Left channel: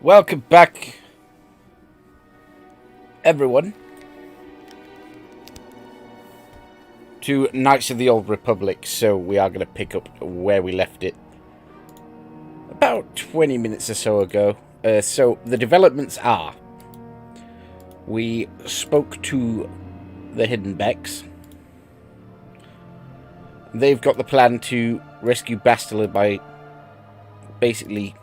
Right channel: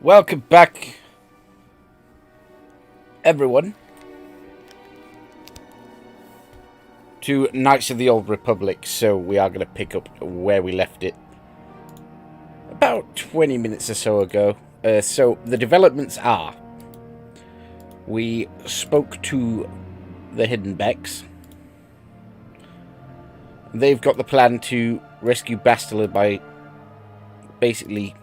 Welcome back, everyone, to Knights of the Old Republic. So we are going to pick up where we left it about 20 minutes or so ago. So the developments are, we spoke to the Hidden Beks. They've got the plan to rescue Bastila by basically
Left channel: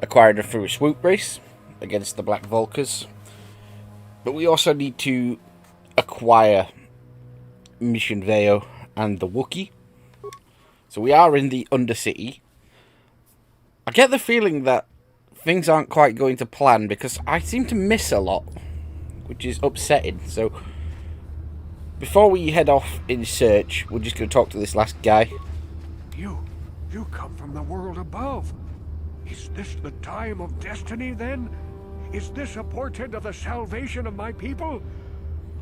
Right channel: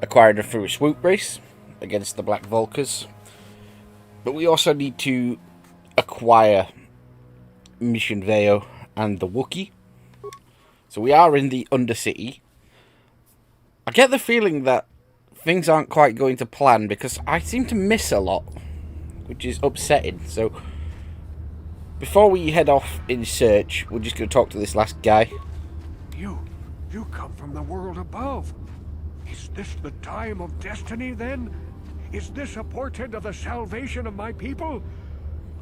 acquiring her through a swoop race against the Black Vulkars. But we also need to acquire Mission Veo and the Wookiee. So we are in the Undercity. I get the feeling that things aren't quite going to plan because I seem to miss a lot, which is upsetting. So before we head off in search, we're just going to talk to this last guy. You come from the world above. Is this the time of destiny, then? Is this a portent of the salvation of my people?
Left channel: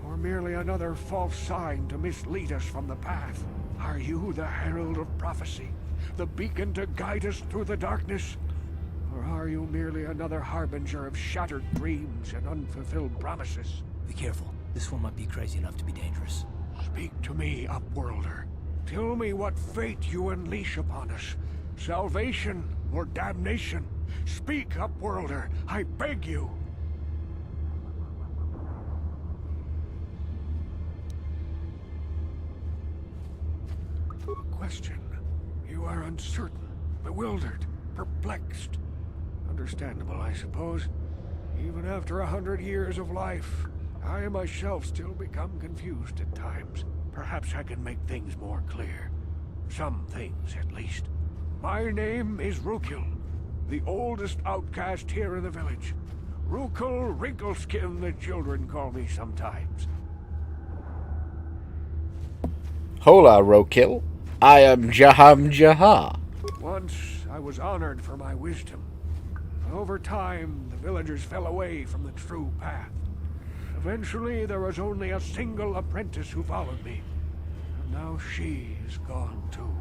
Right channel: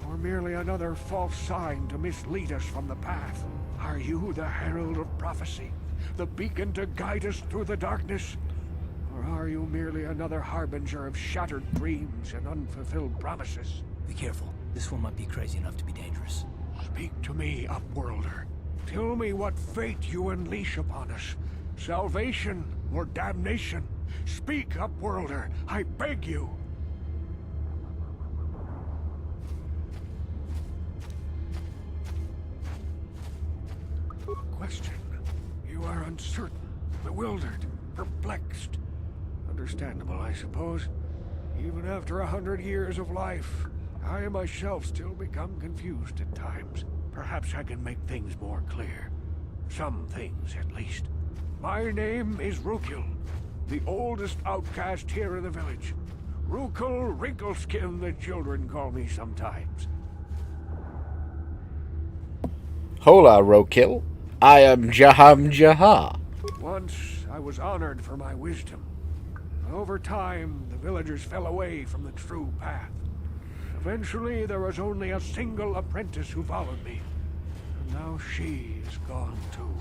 Or merely another false sign to mislead us from the path? Are you the herald of prophecy? The beacon to guide us through the darkness? Or are you merely another harbinger of shattered dreams and unfulfilled promises? Be careful. This one might be crazy enough to be dangerous. Speak to me, Upworlder. Tell me what fate you unleash upon us. Salvation or damnation? Speak, Upworlder, I beg you. Question. You are uncertain, bewildered, perplexed. Understandable, I suppose. Even after 100 years of life, I myself still become confused at times. Perhaps I can make things more clear. Some things, at least. My name is Rukil, the oldest outcast here in the village. Rukil Wrinkleskin, the children call me sometimes. Hola, Rokil. I am Jaham Jahar. Once I was honored for my wisdom. Over time, the villagers fell away from the true path. Eventually, there was only a single apprentice who followed me. And now she is gone too.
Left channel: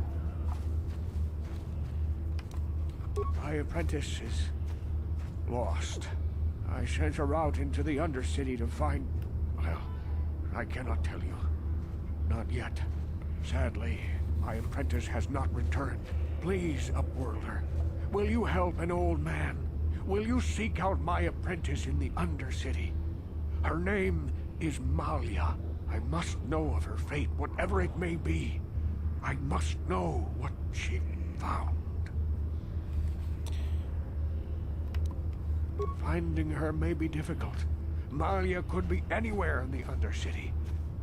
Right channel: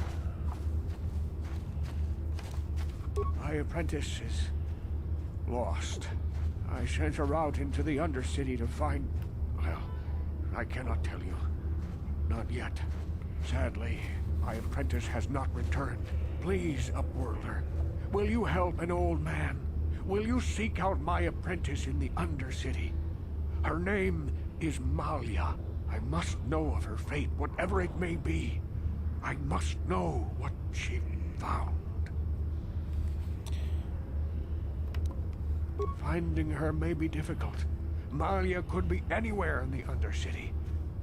My apprentice is lost. I sent her out into the Undercity to find... Well, I cannot tell you. Not yet. Sadly, my apprentice has not returned. Please, Upworlder, will you help an old man? Will you seek out my apprentice in the Undercity? Her name is Malia. I must know of her fate, whatever it may be. I must know what she found. Finding her may be difficult. Malia could be anywhere in the Undercity.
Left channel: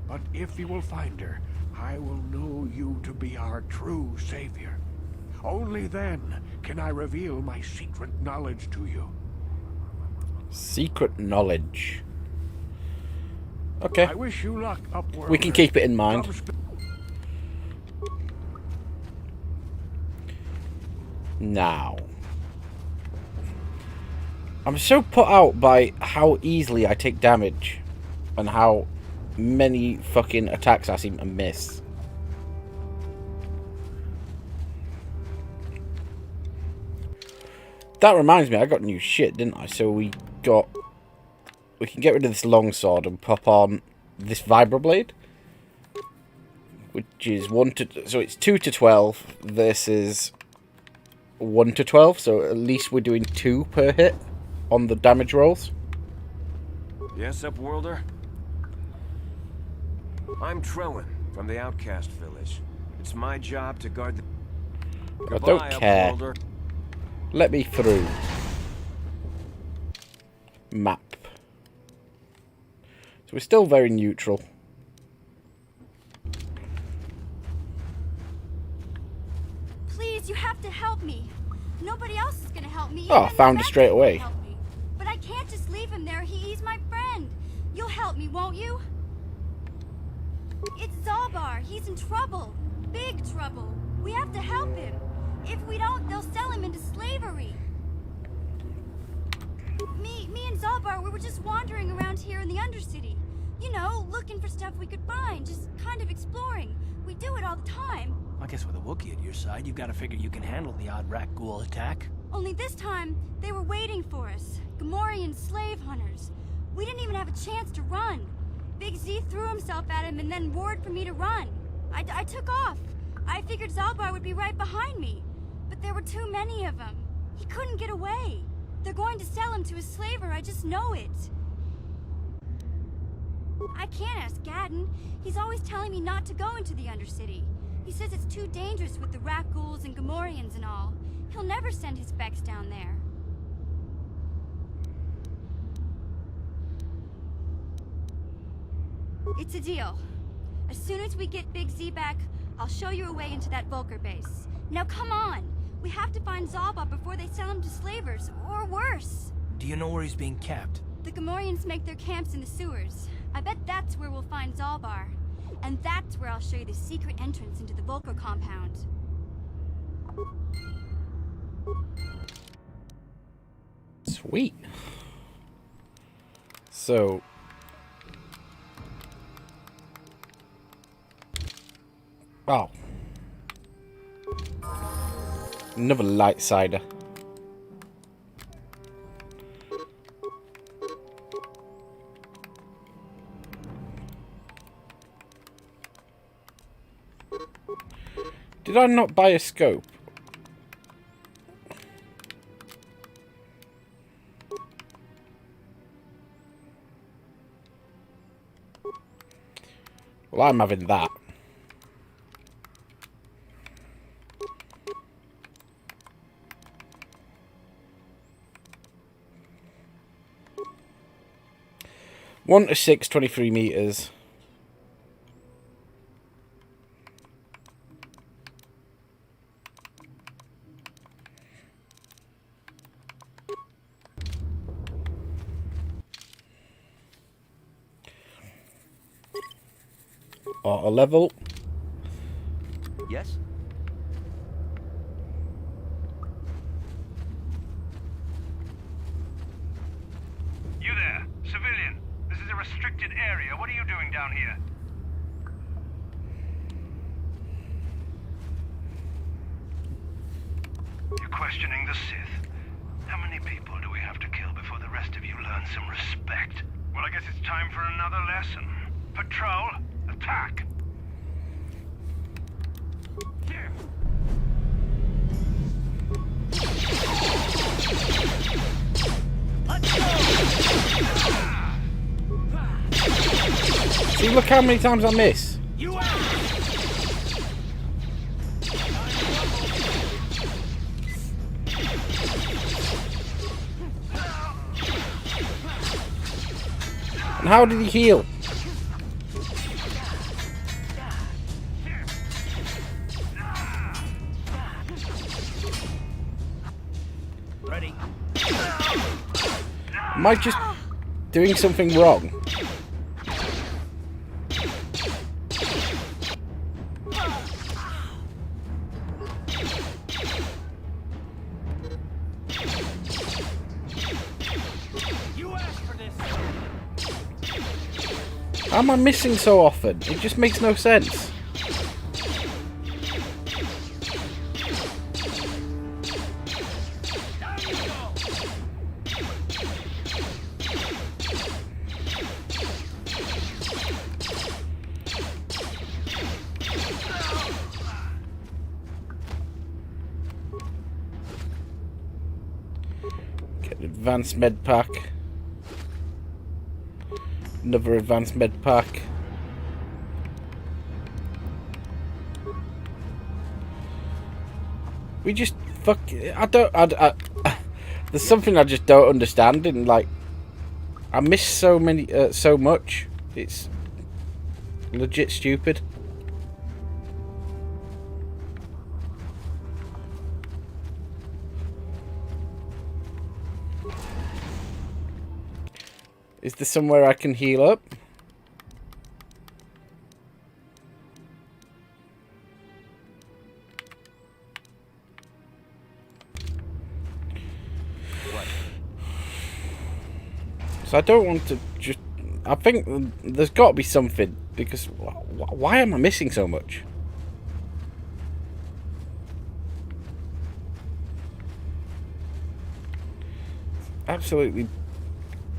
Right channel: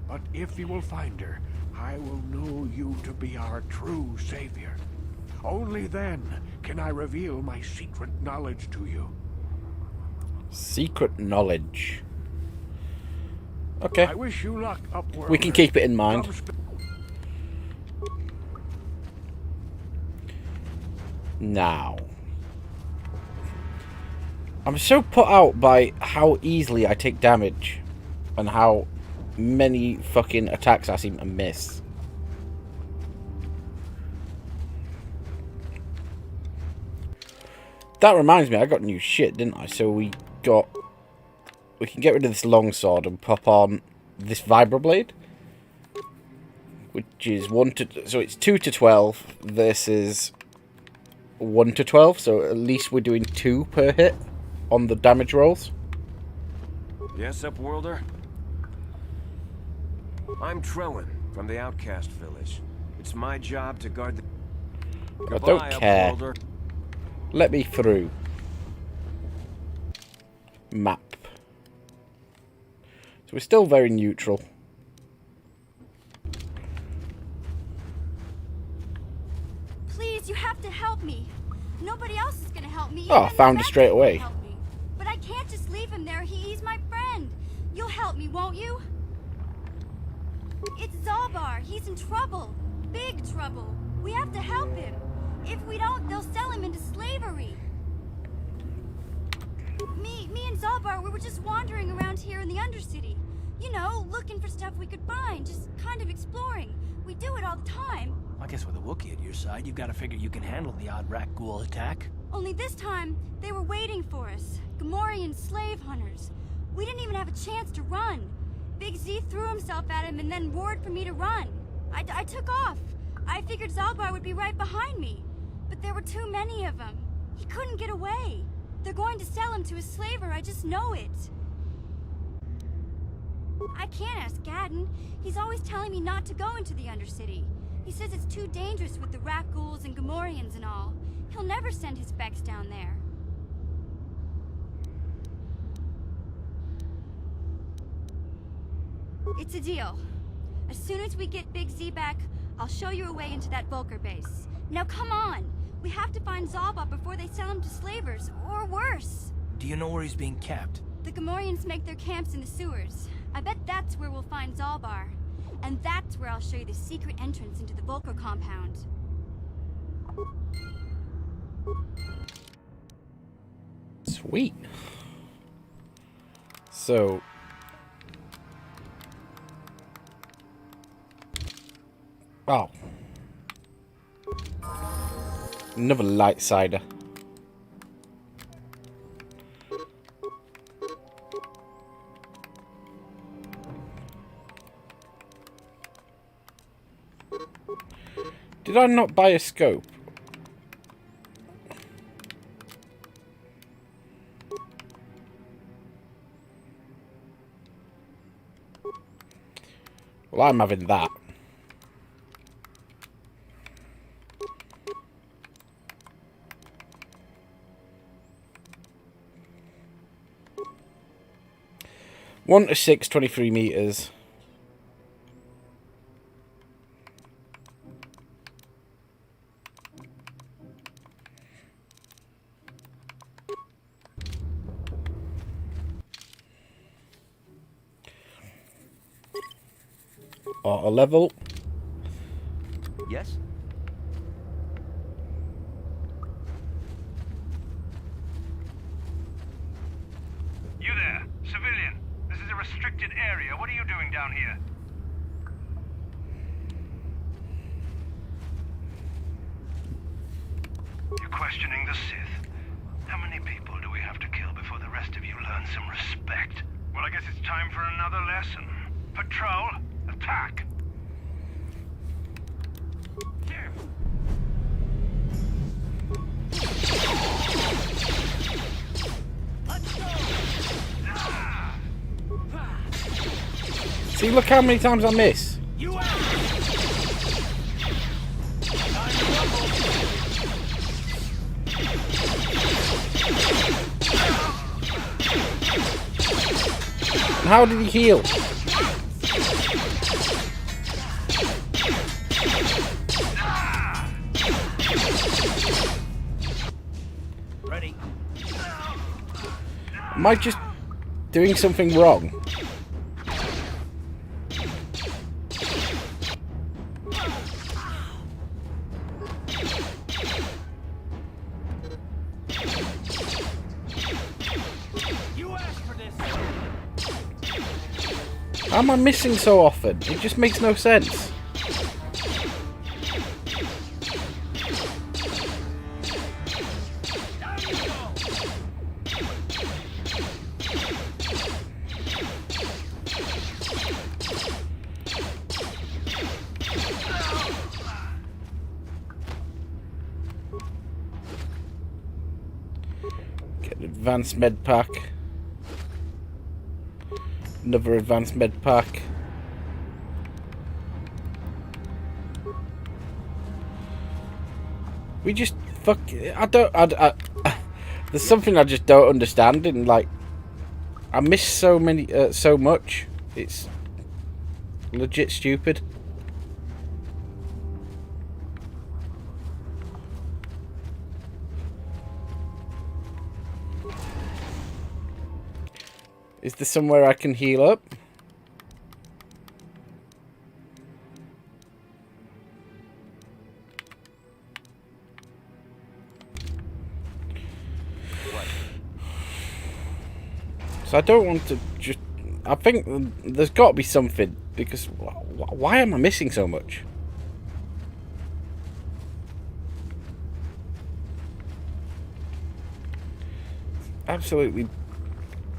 But if you will find her, I will know you to be our true savior. Only then can I reveal my secret knowledge to you. Secret knowledge. Okay. I wish you luck, Upworlder. We can keep it in mind. Now, I'm so put out by how easily I take damage and how many fucking attacks I seem to miss. That reminds me, I got new shit, didn't I? So we can get rid of this longsword and pop on this vibroblade, which is so it's 2 to 12 versus 1 to 12. So at least we're doing 2 per hit on the damage rolls. Yes, Upworlder? I'm Trowan from the Outcast Village. It's my job to guard the... I don't care. Upworlder. Let me through. Map. So we're still very neutral. Please, you have to help me. Nobody else is gonna help me. Oh, Even found the it straight Beks away. won't help me. But I can't just leave him there. He's my friend. You'll help me, won't you? It's Zalbar. He's in trouble. Big trouble. We have to help him. If we don't, they'll sell him into slavery. Me and Zalbar, we were just wandering around here in the Undercity. You know, looking for stuff we could find, just kind of exploring. We do it all the time. I guess with a Wookiee at your side, you've got to figure you can handle the odd rat ghoul attack. Only this time, they were waiting for us. Gamorrean slave hunters. We didn't even have a chance to run. Big Z threw himself at him and then roared for me to run. I took off. I figured Zalbar would be right behind me. But there were too many of them. He couldn't get away. They're going to sell him to a slaver, I just know it. I can't ask Gadden. He's always telling me not to go into the Undercity. He says it's too dangerous with the rat ghouls and Gamorreans and all. He'll never send his Beks down there. It's a deal. As soon as we get Big Z back, I'll show you a way into that Vulkar base. Now come on! We have to find Zalbar before they sell him to slavers, or worse. Do you know where he's being kept? The Gamorreans make their camps in the sewers. I bet that's where we'll find Zalbar. And that's where I'll show you the secret entrance into the Vulkar compound. Sweet. So... oh. Another light cider. Did I not buy a scope? Well, I'm having that. One to 6, 23 meters. Auto level. Yes? You there, civilian. This is a restricted area. What are you doing down here? You're questioning the Sith. How many people do we have to kill before the rest of you learn some respect? Well, I guess it's time for another lesson. Patrol, attack! Here. See, look how many times I miss. You And how did he heal? ready? Am I just doing something wrong? You asked for this. How am I missing so often? It just makes no sense. Down you go. Get an advanced med pack. Another advanced med pack. We just fuck. There's something I just don't understand. And like, I miss so many, so much. It's legit stupid. Is there somewhere I can heal up? So I don't want to just... I think there's got to be something, because why am I missing so much? absolutely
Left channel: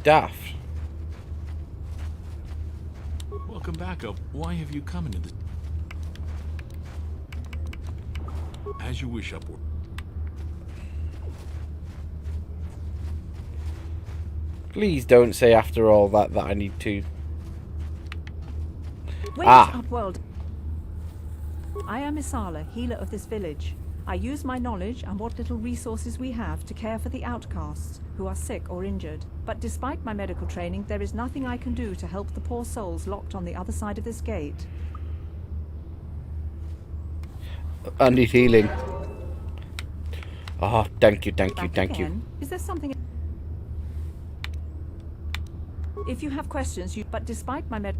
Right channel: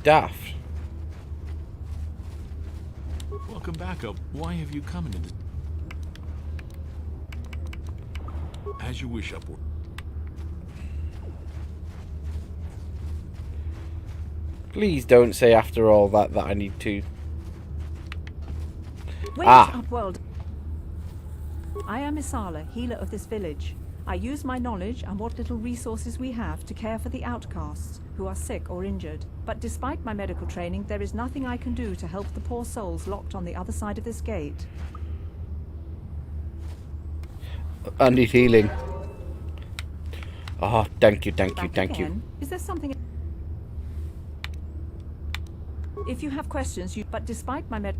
daft. Welcome back up. Why have you come into this? As you wish, upward. Please don't say after all that I need to. Wait, Ah. Upworld. I am Isala, healer of this village. I use my knowledge and what little resources we have to care for the outcasts who are sick or injured. But despite my medical training, there is nothing I can do to help the poor souls locked on the other side of this gate. I need healing. Oh, thank you, thank you, Back thank you. again. Is there something... If you have questions, but despite my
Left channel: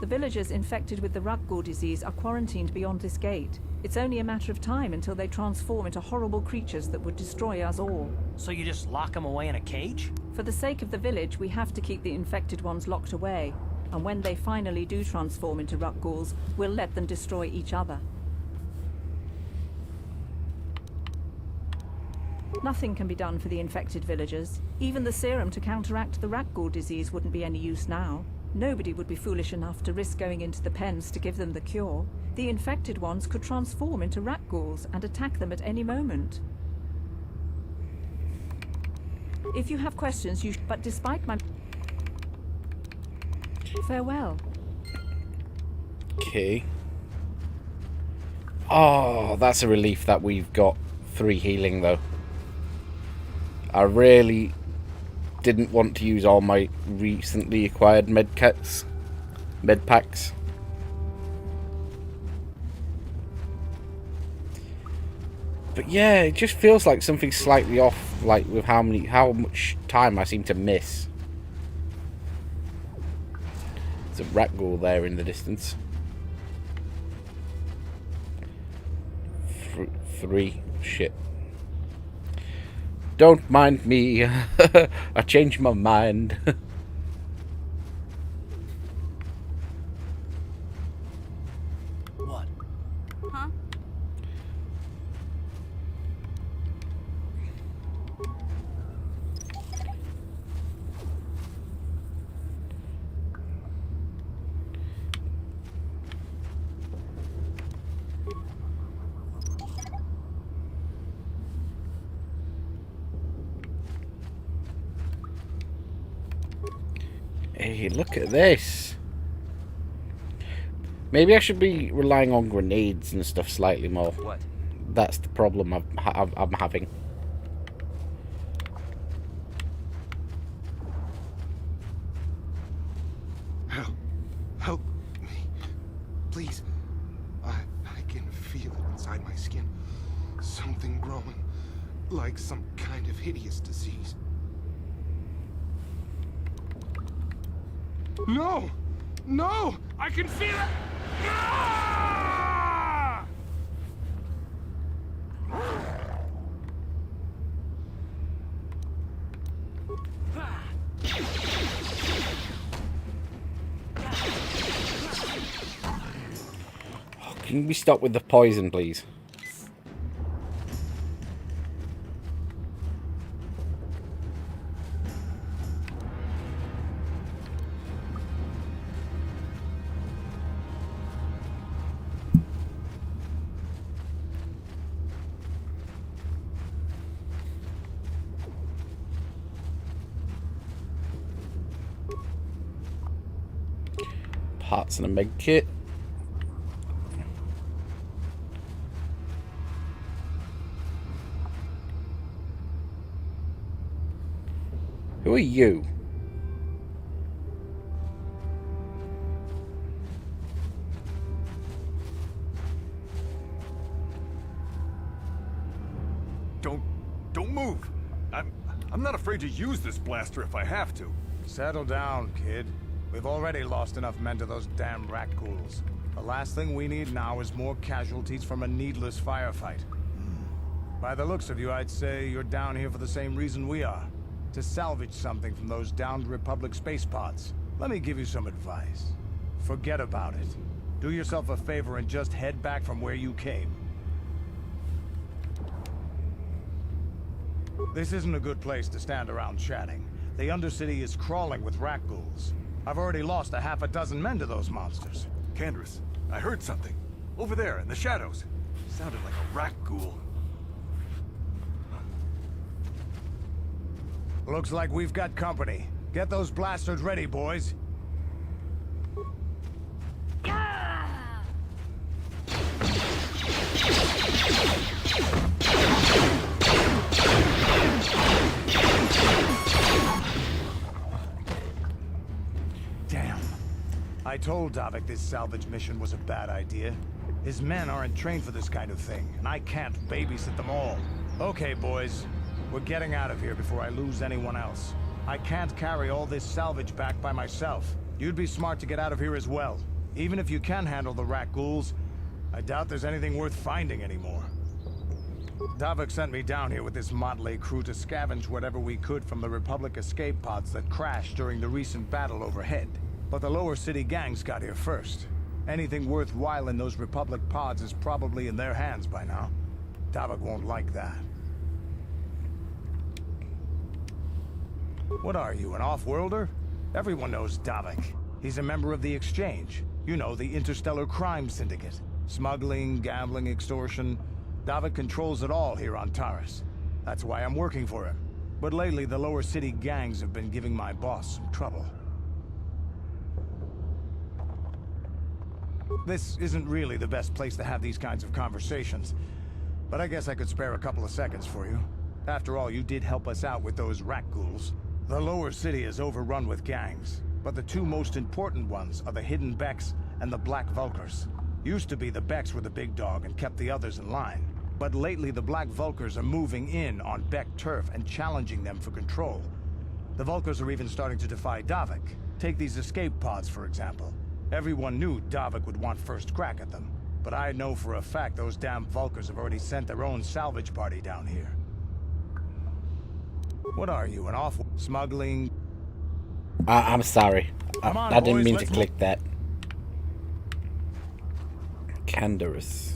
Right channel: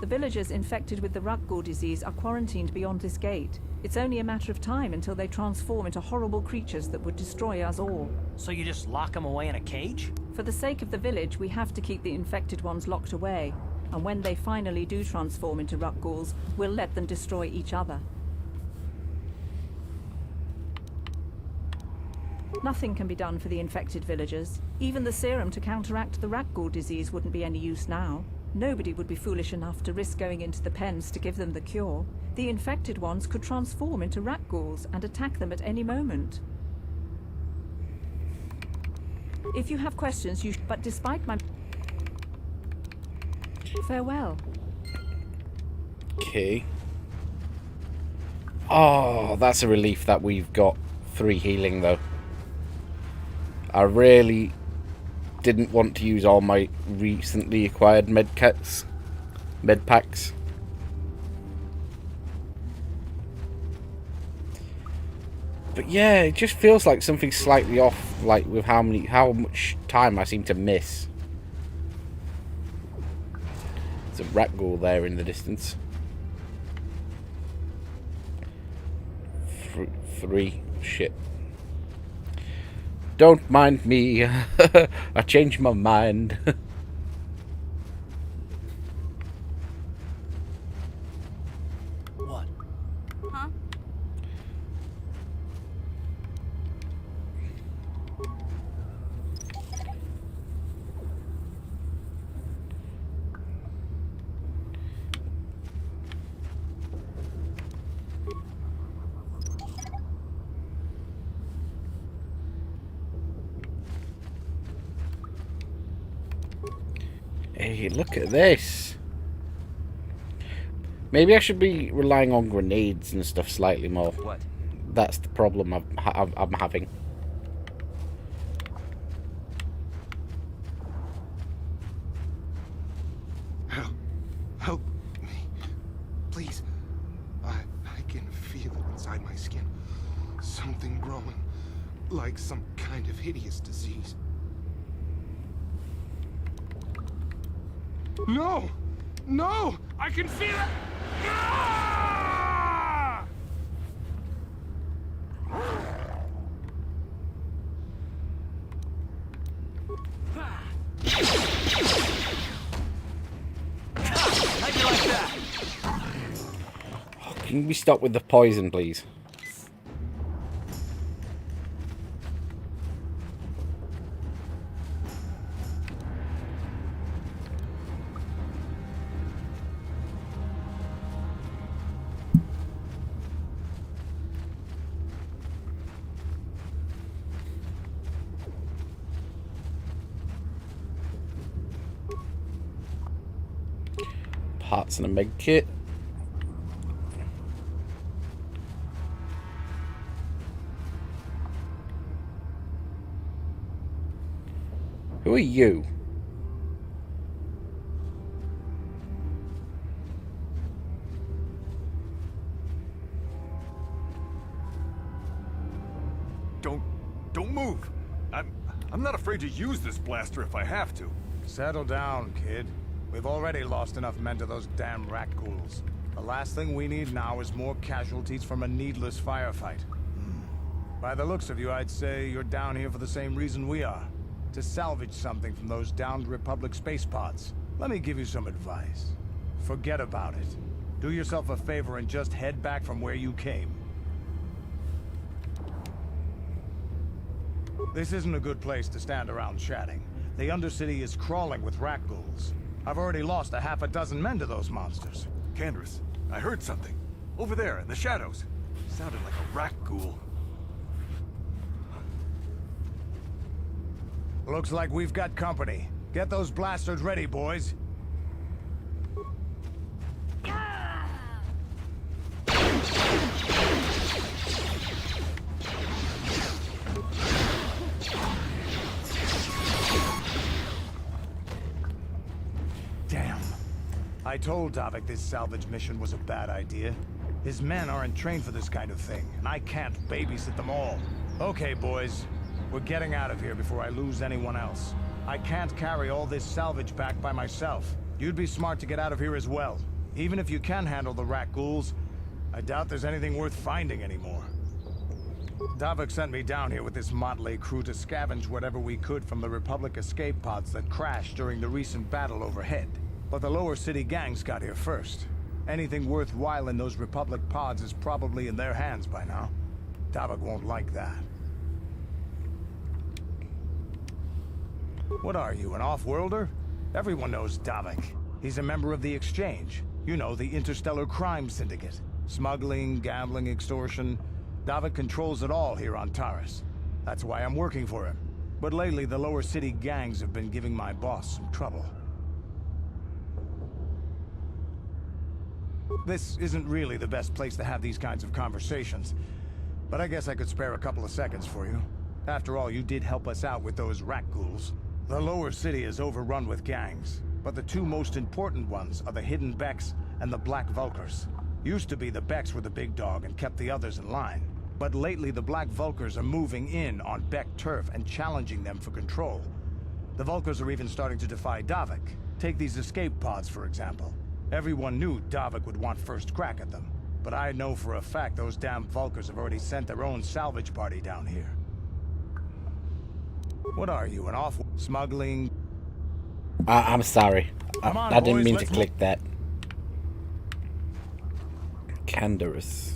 the villagers infected with the Rukgul disease are quarantined beyond this gate. It's only a matter of time until they transform into horrible creatures that would destroy us all. So you just lock them away in a cage? For the sake of the village, we have to keep the infected ones locked away. And when they finally do transform into Rukguls, we'll let them destroy each other. Nothing can be done for the infected villagers. Even the serum to counteract the Rukgul disease wouldn't be any use now. Nobody would be foolish enough to risk going into the pens to give them the cure. The infected ones could transform into Rukguls and attack them at any moment. If you have questions, but despite my... Farewell. Okay. Oh, that's a relief that we've got 3 healing, though. I really didn't want to use all my recently acquired med packs. But yeah, it just feels like something's slightly off, like with how much time I seem to miss. There's a Rukgul there in the distance. 3. Shit. Don't mind me. I changed my mind. What? Huh? Hey, look at this. Maybe I should be relying on grenades and stuff slightly more. What? That's the problem I'm having. Help me. Please. I can feel it inside my skin. Something growing. Like some kind of hideous disease. No! No! I can feel it! Ah! Can we stop with the poison, please? Parts and a med kit. Who are you? Don't move. I'm not afraid to use this blaster if I have to. Settle down, kid. We've already lost enough men to those damn Rukguls. The last thing we need now is more casualties from a needless firefight. By the looks of you, I'd say you're down here for the same reason we are. To salvage something from those downed Republic space pods. Let me give you some advice. Forget about it. Do yourself a favor and just head back from where you came. This isn't a good place to stand around chatting. The Undercity is crawling with rat ghouls. I've already lost a half a dozen men to those monsters. Candace, I heard something. Over there, in the shadows. Sounded like a rat ghoul. Looks like we've got company. Get those blasters ready, boys. Damn. I told Davik this salvage mission was a bad idea. His men aren't trained for this kind of thing, and I can't babysit them all. Okay, boys. We're getting out of here before I lose anyone else. I can't carry all this salvage back by myself. You'd be smart to get out of here as well. Even if you can handle the rat ghouls, I doubt there's anything worth finding anymore. Davik sent me down here with this motley crew to scavenge whatever we could from the Republic escape pods that crashed during the recent battle overhead. But the lower city gangs got here first. Anything worthwhile in those Republic pods is probably in their hands by now. Davik won't like that. What are you, an off-worlder? Everyone knows Davik. He's a member of the Exchange. You know, the interstellar crime syndicate. Smuggling, gambling, extortion. Davik controls it all here on Taris. That's why I'm working for him. But lately, the lower city gangs have been giving my boss some trouble. This isn't really the best place to have these kinds of conversations, but I guess I could spare a couple of seconds for you. After all, you did help us out with those rat ghouls. The lower city is overrun with gangs, but the two most important ones are the Hidden Beks and the Black Vulkars. Used to be the Beks were the big dog and kept the others in line. But lately the Black Vulkars are moving in on Bek turf and challenging them for control. The Vulkars are even starting to defy Davik. Take these escape pods, for example. Everyone knew Davik would want first crack at them. But I know for a fact those damn Vulkars have already sent their own salvage party down here. What are you, an off... smuggling? I'm sorry. I didn't boys, mean to click that. Canderous.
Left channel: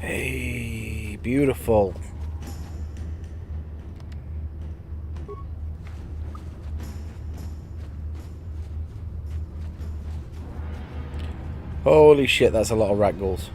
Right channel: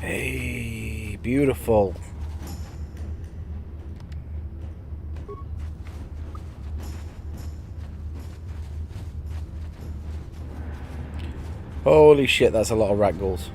Hey, beautiful. Holy shit, that's a lot of rat ghouls.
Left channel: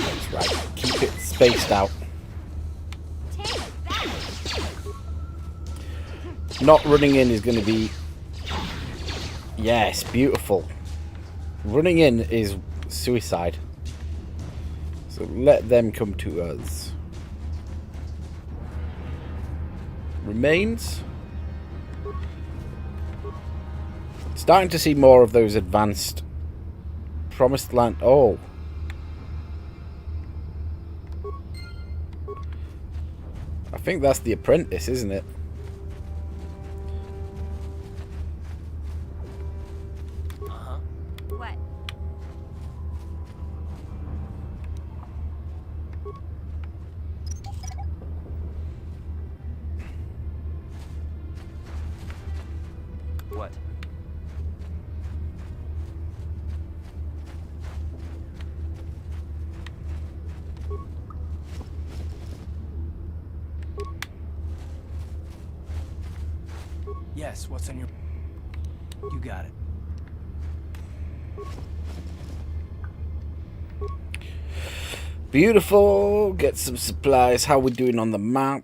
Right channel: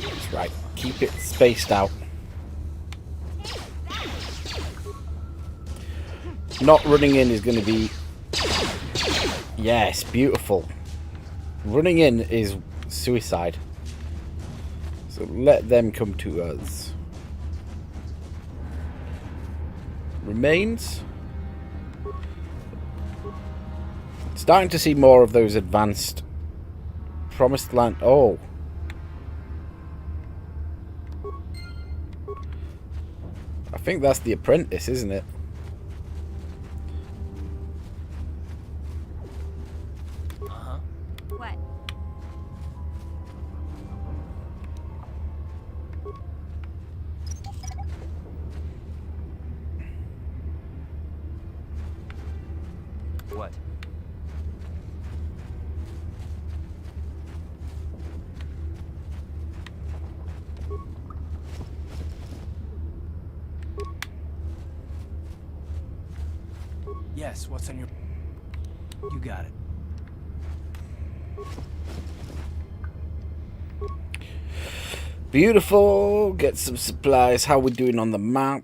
That's right, keep it spaced out. Not running in is going to be... Yes, beautiful. Running in is suicide. So let them come to us. Remains. Starting to see more of those advanced promised land. Oh. I think that's the apprentice, isn't it? What? What? Yes, what's on your... You got it. Beautiful. Get some supplies. How are we doing on the map?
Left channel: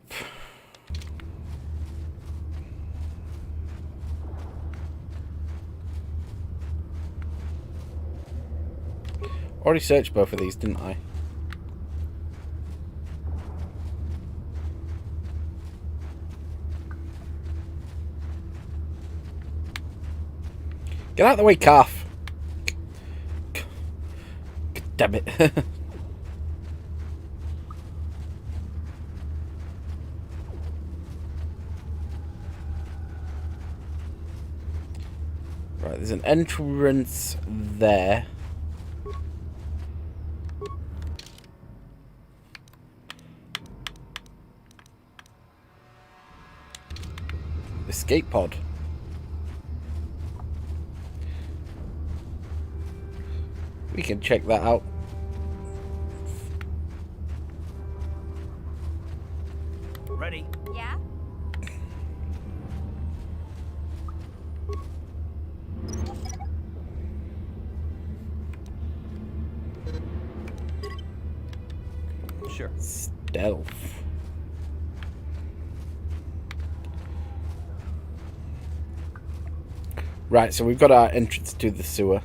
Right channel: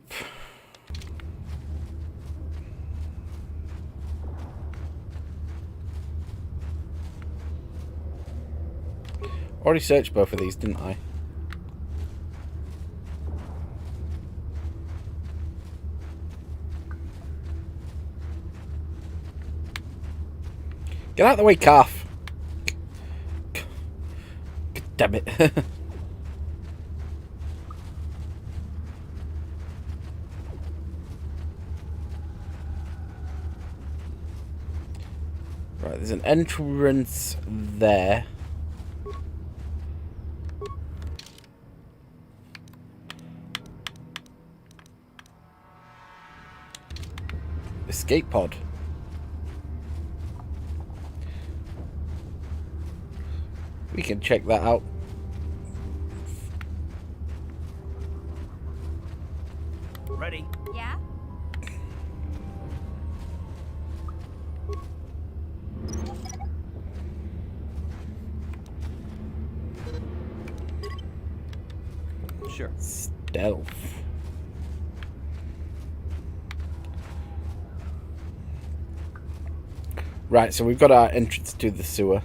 Already searched both of these, didn't I? Get out of the way, calf. Damn it. There's an entrance there. Escape pod. We can check that out. Ready? Yeah? Sure. Stealth. Right, so we've got our entrance to the sewer.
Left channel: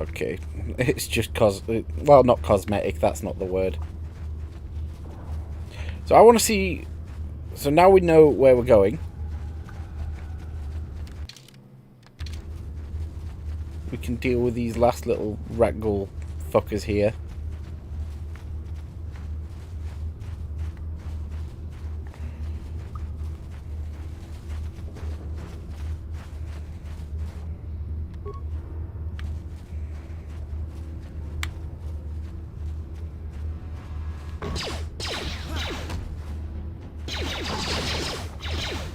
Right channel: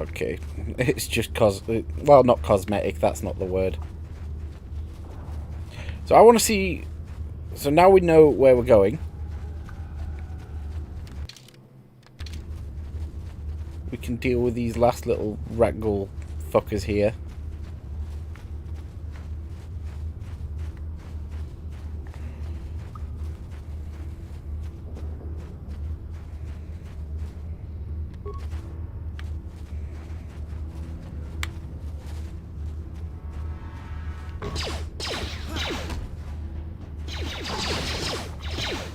Okay, it's just well, not cosmetic, that's not the word. So I want to see, so now we know where we're going. We can deal with these last little ragdoll fuckers here.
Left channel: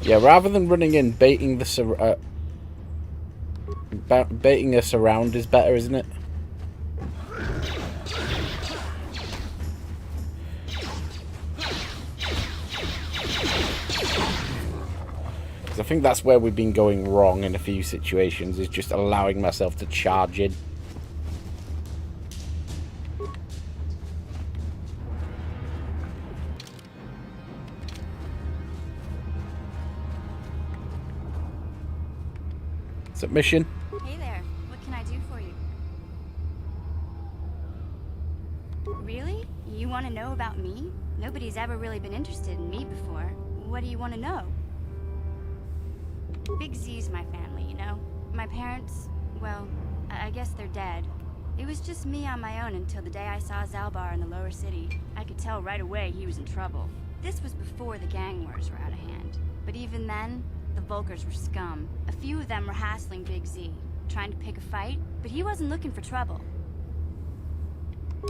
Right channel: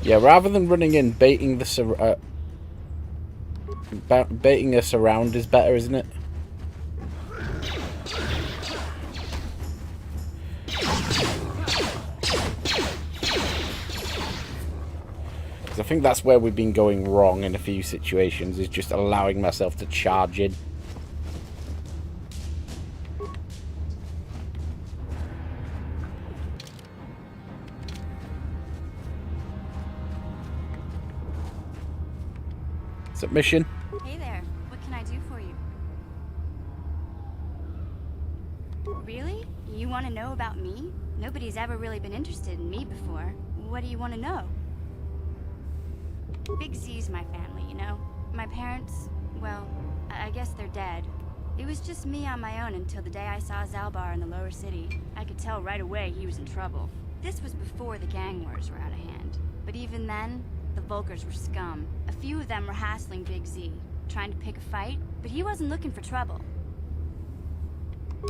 Yeah, rather than running in, baiting us around is better, isn't it? Because I think that's where we've been going wrong in a few situations, is just allowing myself to charge in. Submission. Hey there. What can I do for you? Really? You want to know about me? Nobody's ever really been interested in me before. What do you want to know? Big Z's my family, you know? My parents, well, I guess they're dead. It was just me on my own until the day I saw Zalbar in the lower city. I could tell right away he was in trouble. This was before the gang wars were out of hand. But even then, the Vulkars were scum. A few of them were hassling Big Z, trying to pick a fight, but he wasn't looking for trouble.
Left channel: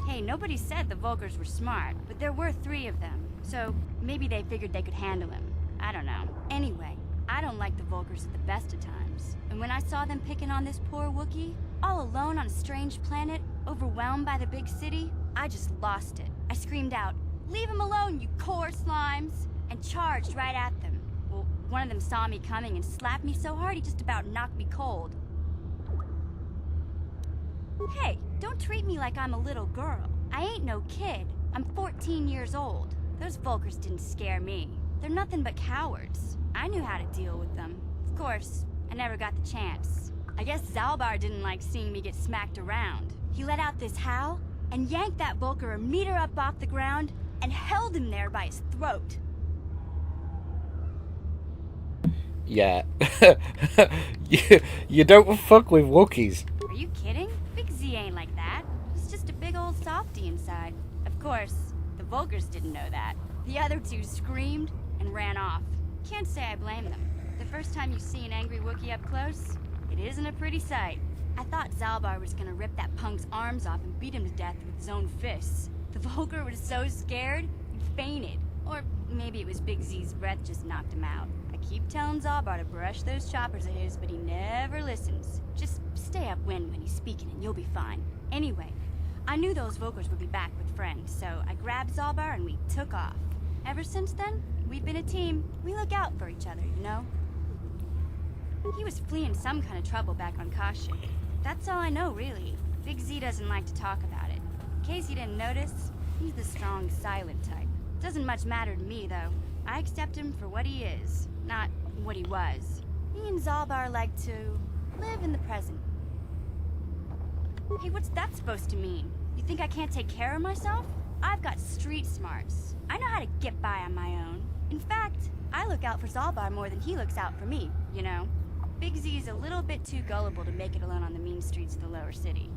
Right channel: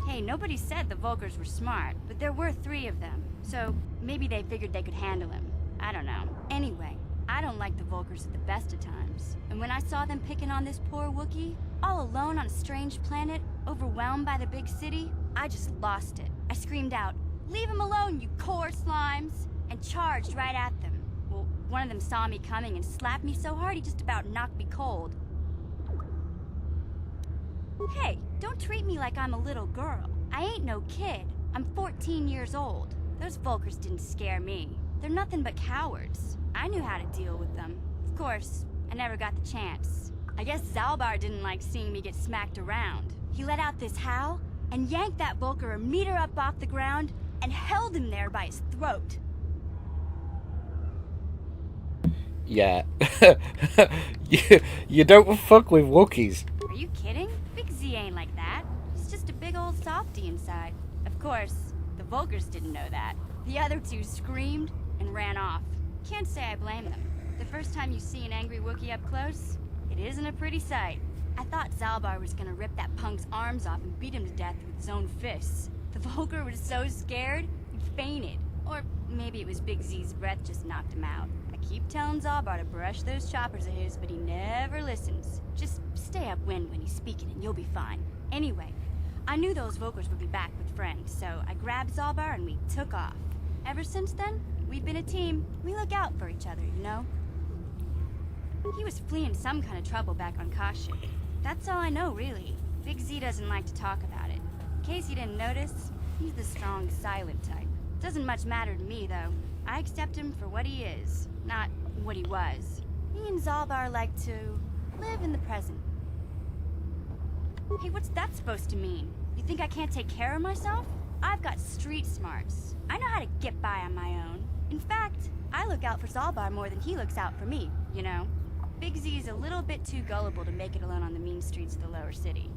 Hey, nobody said the Vulkars were smart, but there were 3 of them, so maybe they figured they could handle him. I don't know. Anyway, I don't like the Vulkars at the best of times. And when I saw them picking on this poor Wookiee, all alone on a strange planet, overwhelmed by the big city, I just lost it. I screamed out, "Leave him alone, you core slimes!" and charged right at them. Well, one of them saw me coming and slapped me so hard he just about knocked me cold. Hey, don't treat me like I'm a little girl. I ain't no kid. I'm 14 years old. Those Vulkars didn't scare me. They're nothing but cowards. I knew how to deal with them. Of course, I never got the chance. I guess Zalbar didn't like seeing me get smacked around. He let out this howl and yanked that Vulkar a meter up off the ground and held him there by his throat. Yeah. you don't fuck with Wookiees. Are you kidding? Big Z ain't like that. He's just a big old softy inside. Of course, the Vulkars didn't know that. The other 2 screamed and ran off. Can't say I blame them. The first time you see an angry Wookiee up close, it isn't a pretty sight. I thought Zalbar was gonna rip that punk's arms off and beat him to death with his own fists. The Vulkar was so scared, he fainted. Or maybe it was Big Z's breath just knocked him out. I keep telling Zalbar to brush those choppers of his, but he never listens. Just stay upwind when he's speaking and you'll be fine. Anyway, I knew those Vulkars would be back with friends, so I grabbed Zalbar and we took off. Ever since then, we've been a team. We look out for each other, you know? He was fleeing some kind of trouble back on Kashyyyk. That's all I know, really. Big Z doesn't like to talk about it. In case you didn't notice, he's the strong, silent type. Doesn't much matter to me, though. I accept him for what he is, not what he was. He and Zalbar like to live in the present. Hey, what's that supposed to mean? You think I can't take care of myself? I've got street smarts. I know how to get by on my own. In fact, I look out for Zalbar more than he looks out for me, you know? Big Z is a little bit too gullible to make it alone on the mean streets of the lower city.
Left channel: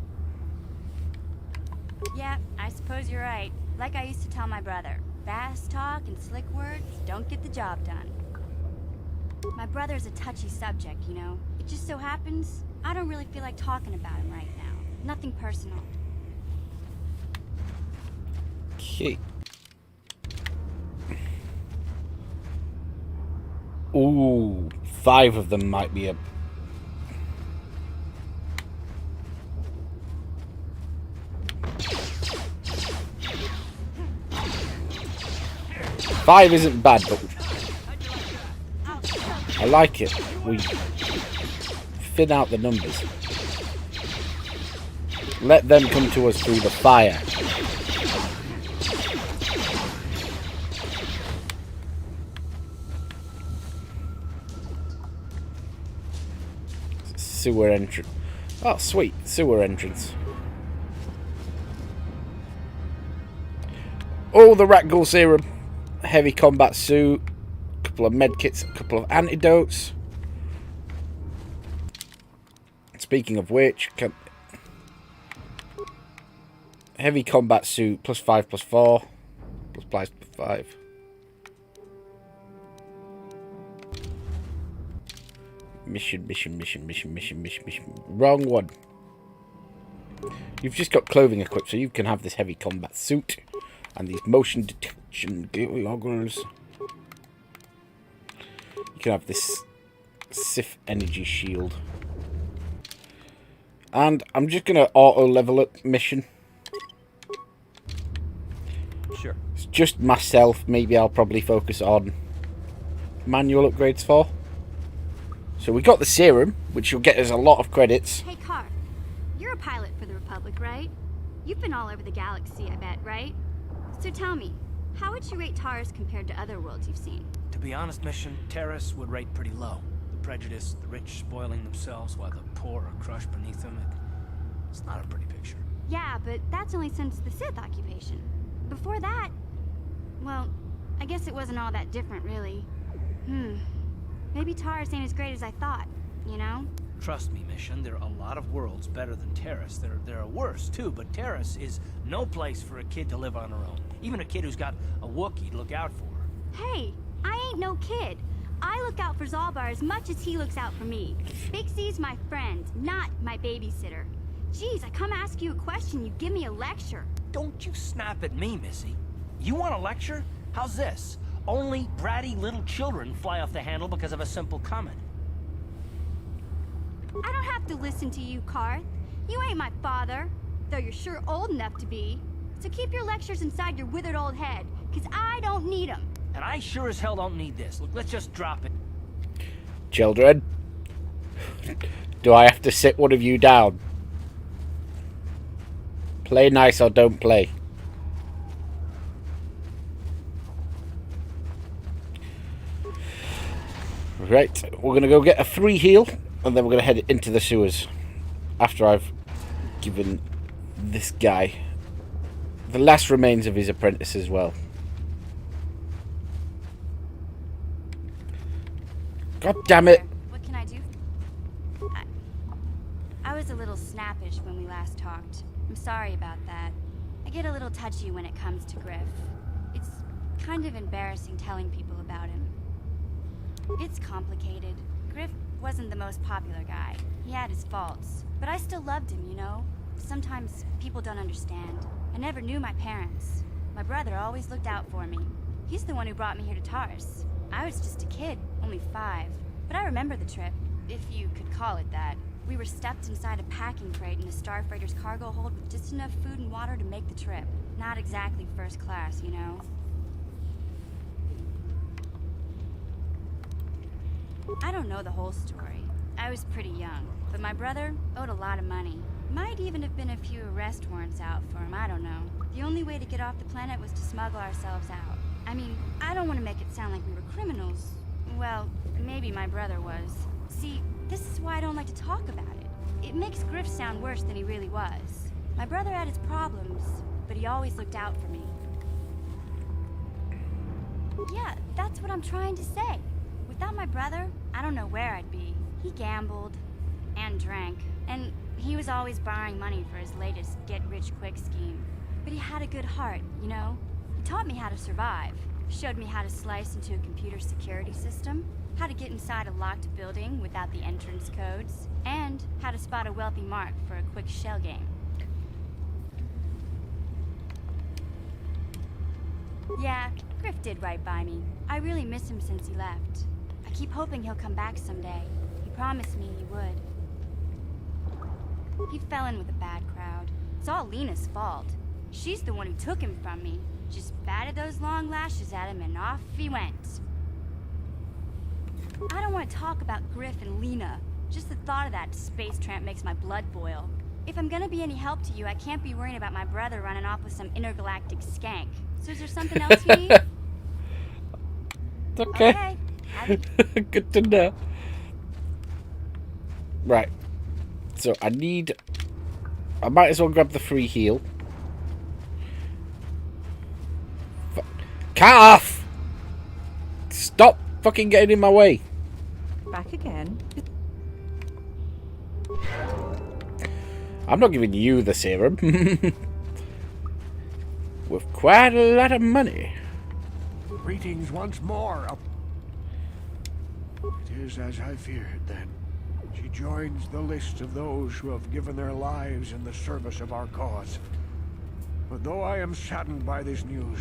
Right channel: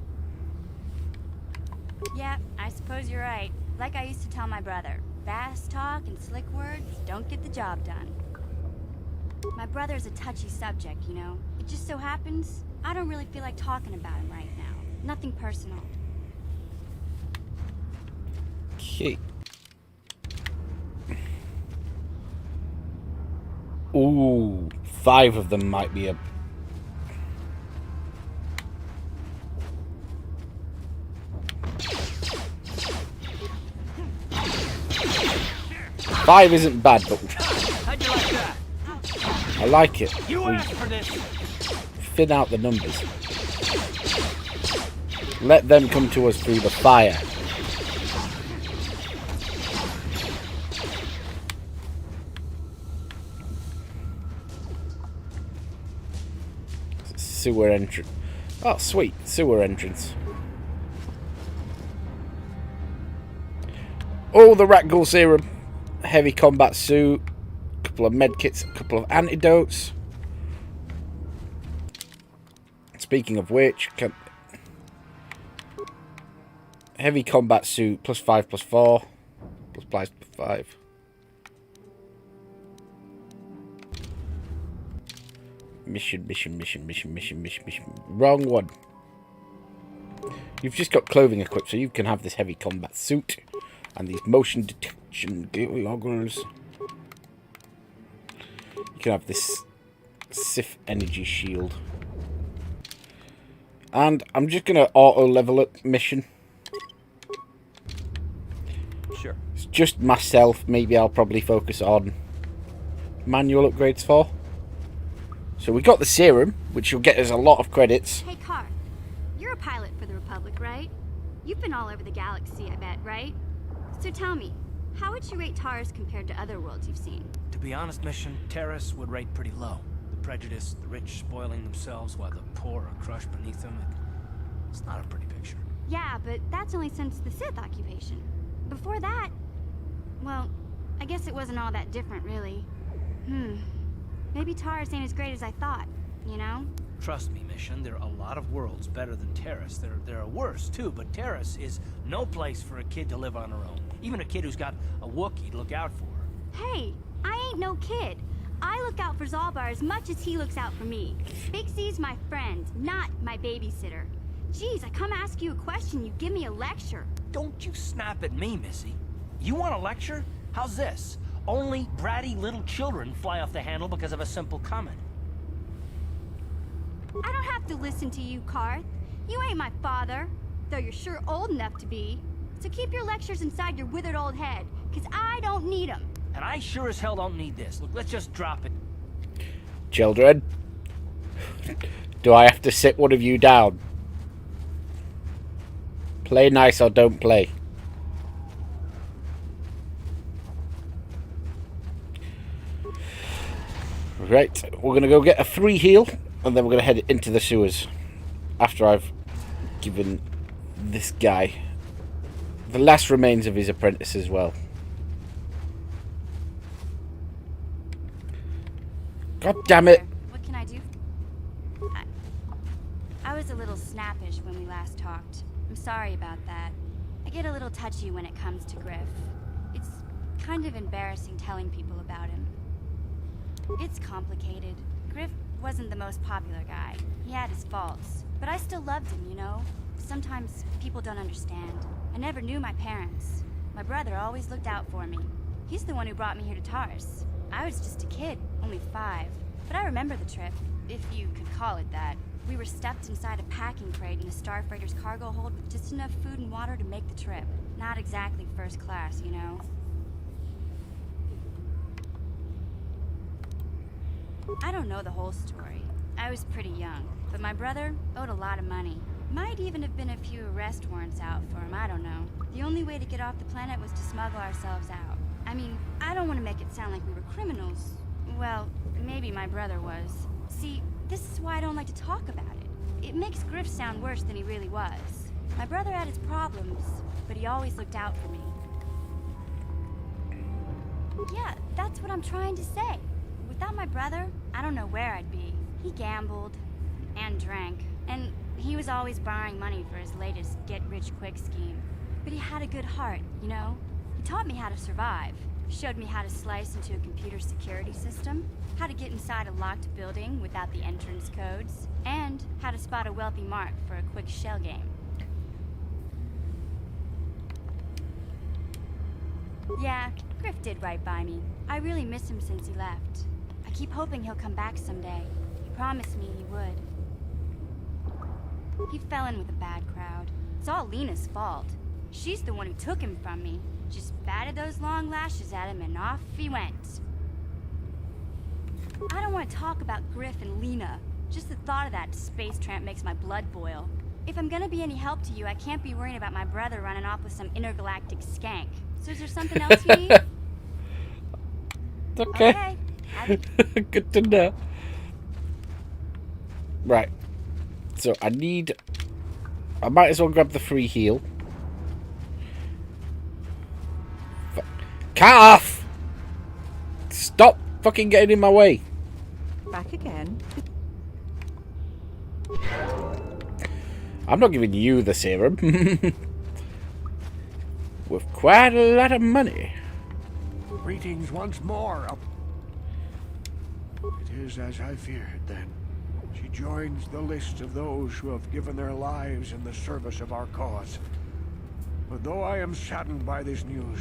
Yeah, I suppose you're right. Like I used to tell my brother, fast talk and slick words don't get the job done. My brother's a touchy subject, you know. It just so happens I don't really feel like talking about him right now. Nothing personal. Okay. Ooh, 5 of them might be a... Five isn't bad, but I like it. We thin out the numbers. Let them come to us through the fire. Sewer entrance. Oh, sweet. Sewer entrance. Oh, the rat ghoul serum. Heavy combat suit. A couple of medkits. A couple of antidotes. Speaking of which, heavy combat suit +5/+4. +5/+5. Mission. Wrong one. You've just got clothing equipped, so you can have this heavy combat suit and these motion detection goggles. You can have this Sith energy shield. And I'm just going to auto level up mission. Sure. It's just myself. Maybe I'll probably focus on manual upgrades for. So we got the serum, which will get us a lot of credits. Hey, Car. You're a pilot for the Republic, right? You've been all over the galaxy, I bet, right? So tell me, how would you rate Taurus compared to other worlds you've seen? To be honest, Mission, Terrace would rate pretty low. The prejudice, the rich spoiling themselves while the poor are crushed beneath them. It's not a pretty picture. Yeah, but that's only since the Sith occupation. Before that, well, I guess it wasn't all that different, really. Maybe Taurus ain't as great as I thought, you know? Trust me, Mission, there are a lot of worlds better than Terrace. There are worse, too, but Terrace is no place for a kid to live on her own. Even a kid who's got a Wookiee to look out for her. Hey, I ain't no kid. I look out for Zalbar as much as he looks out for me. Big Z's my friend, not my babysitter. Jeez, I come ask you a question, you give me a lecture. Don't you snap at me, Missy. You want a lecture? How's this? Only bratty little children fly off the handle because of a simple comment. I don't have to listen to you, Karth. You ain't my father, though you're sure old enough to be. So keep your lectures inside your withered old head, because I don't need them. And I sure as hell don't need this. Look, let's just drop it. Children, do I have to sit one of you down? Play nice or don't play. Right, we're going to go get a 3 heal, and then we're going to head into the sewers after I've given this guy the last remains of his apprentice as well. God damn it! What can I do? I was a little snappish when we last talked. I'm sorry about that. I get a little touchy when it comes to Griff. It's kind of embarrassing telling people about him. It's complicated. Griff wasn't the most popular guy. He had his faults. But I still loved him, you know? Sometimes people don't understand. I never knew my parents. My brother always looked out for me. He's the one who brought me here to Taurus. I was just a kid, only 5. But I remember the trip, if you could call it that. We were stuffed inside a packing crate in a starfreighter's cargo hold with just enough food and water to make the trip. Not exactly first class, you know? I don't know the whole story. I was pretty young, but my brother owed a lot of money. Might even have been a few arrest warrants out for him, I don't know. The only way to get off the planet was to smuggle ourselves out. I mean, I don't want to make it sound like we were criminals. Well, maybe my brother was. See, this is why I don't like to talk about it. It makes Griff sound worse than he really was. My brother had his problems, but he always looked out for me. Yeah, that's what I'm trying to say. without my brother, I don't know where I'd be. He gambled and drank, and he was always borrowing money for his latest get-rich-quick scheme. But he had a good heart, you know? He taught me how to survive, showed me how to slice into a computer security system, how to get inside a locked building without the entrance codes, and how to spot a wealthy mark for a quick shell game. Yeah, Griff did right by me. I really miss him since he left. I keep hoping he'll come back someday. He promised me he would. He fell in with a bad crowd. It's all Lena's fault. She's the one who took him from me. Just batted those long lashes at him and off he went. I don't want to talk about Griff and Lena. Just the thought of that space tramp makes my blood boil. If I'm gonna be any help to you, I can't be worrying about my brother running off with some intergalactic skank. So is there something else you need? Okay. Good to know. Right. So I might as well grab the free heal. Calf! Stop fucking getting in my way. Back again. I'm not giving you the serum. With quite a lot of money. Greetings once more. It is as I feared, then. She joins the list of those who have given their lives in the service of our cause. But though I am saddened by this news,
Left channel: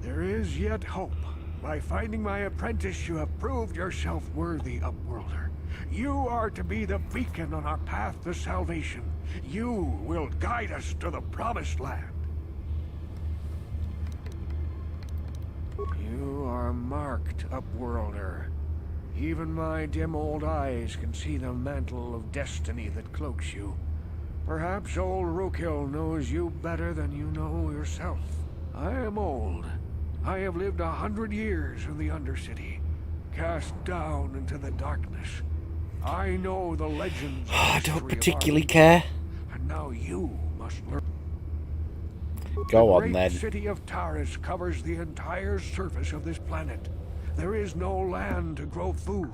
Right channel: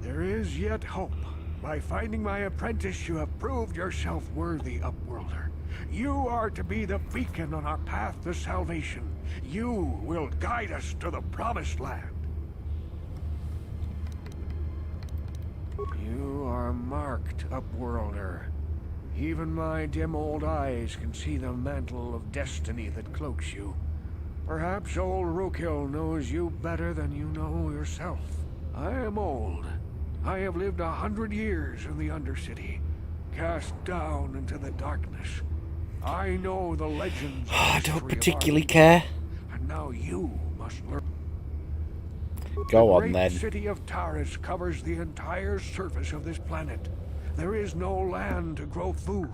there is yet hope. By finding my apprentice, you have proved yourself worthy, Upworlder. You are to be the beacon on our path to salvation. You will guide us to the promised land. You are marked, Upworlder. Even my dim old eyes can see the mantle of destiny that cloaks you. Perhaps old Rookhill knows you better than you know yourself. I am old. I have lived 100 years in the Undercity, cast down into the darkness. I know the legends. I don't particularly care. And now you must learn. Go on then. The city of Taris covers the entire surface of this planet. There is no land to grow food.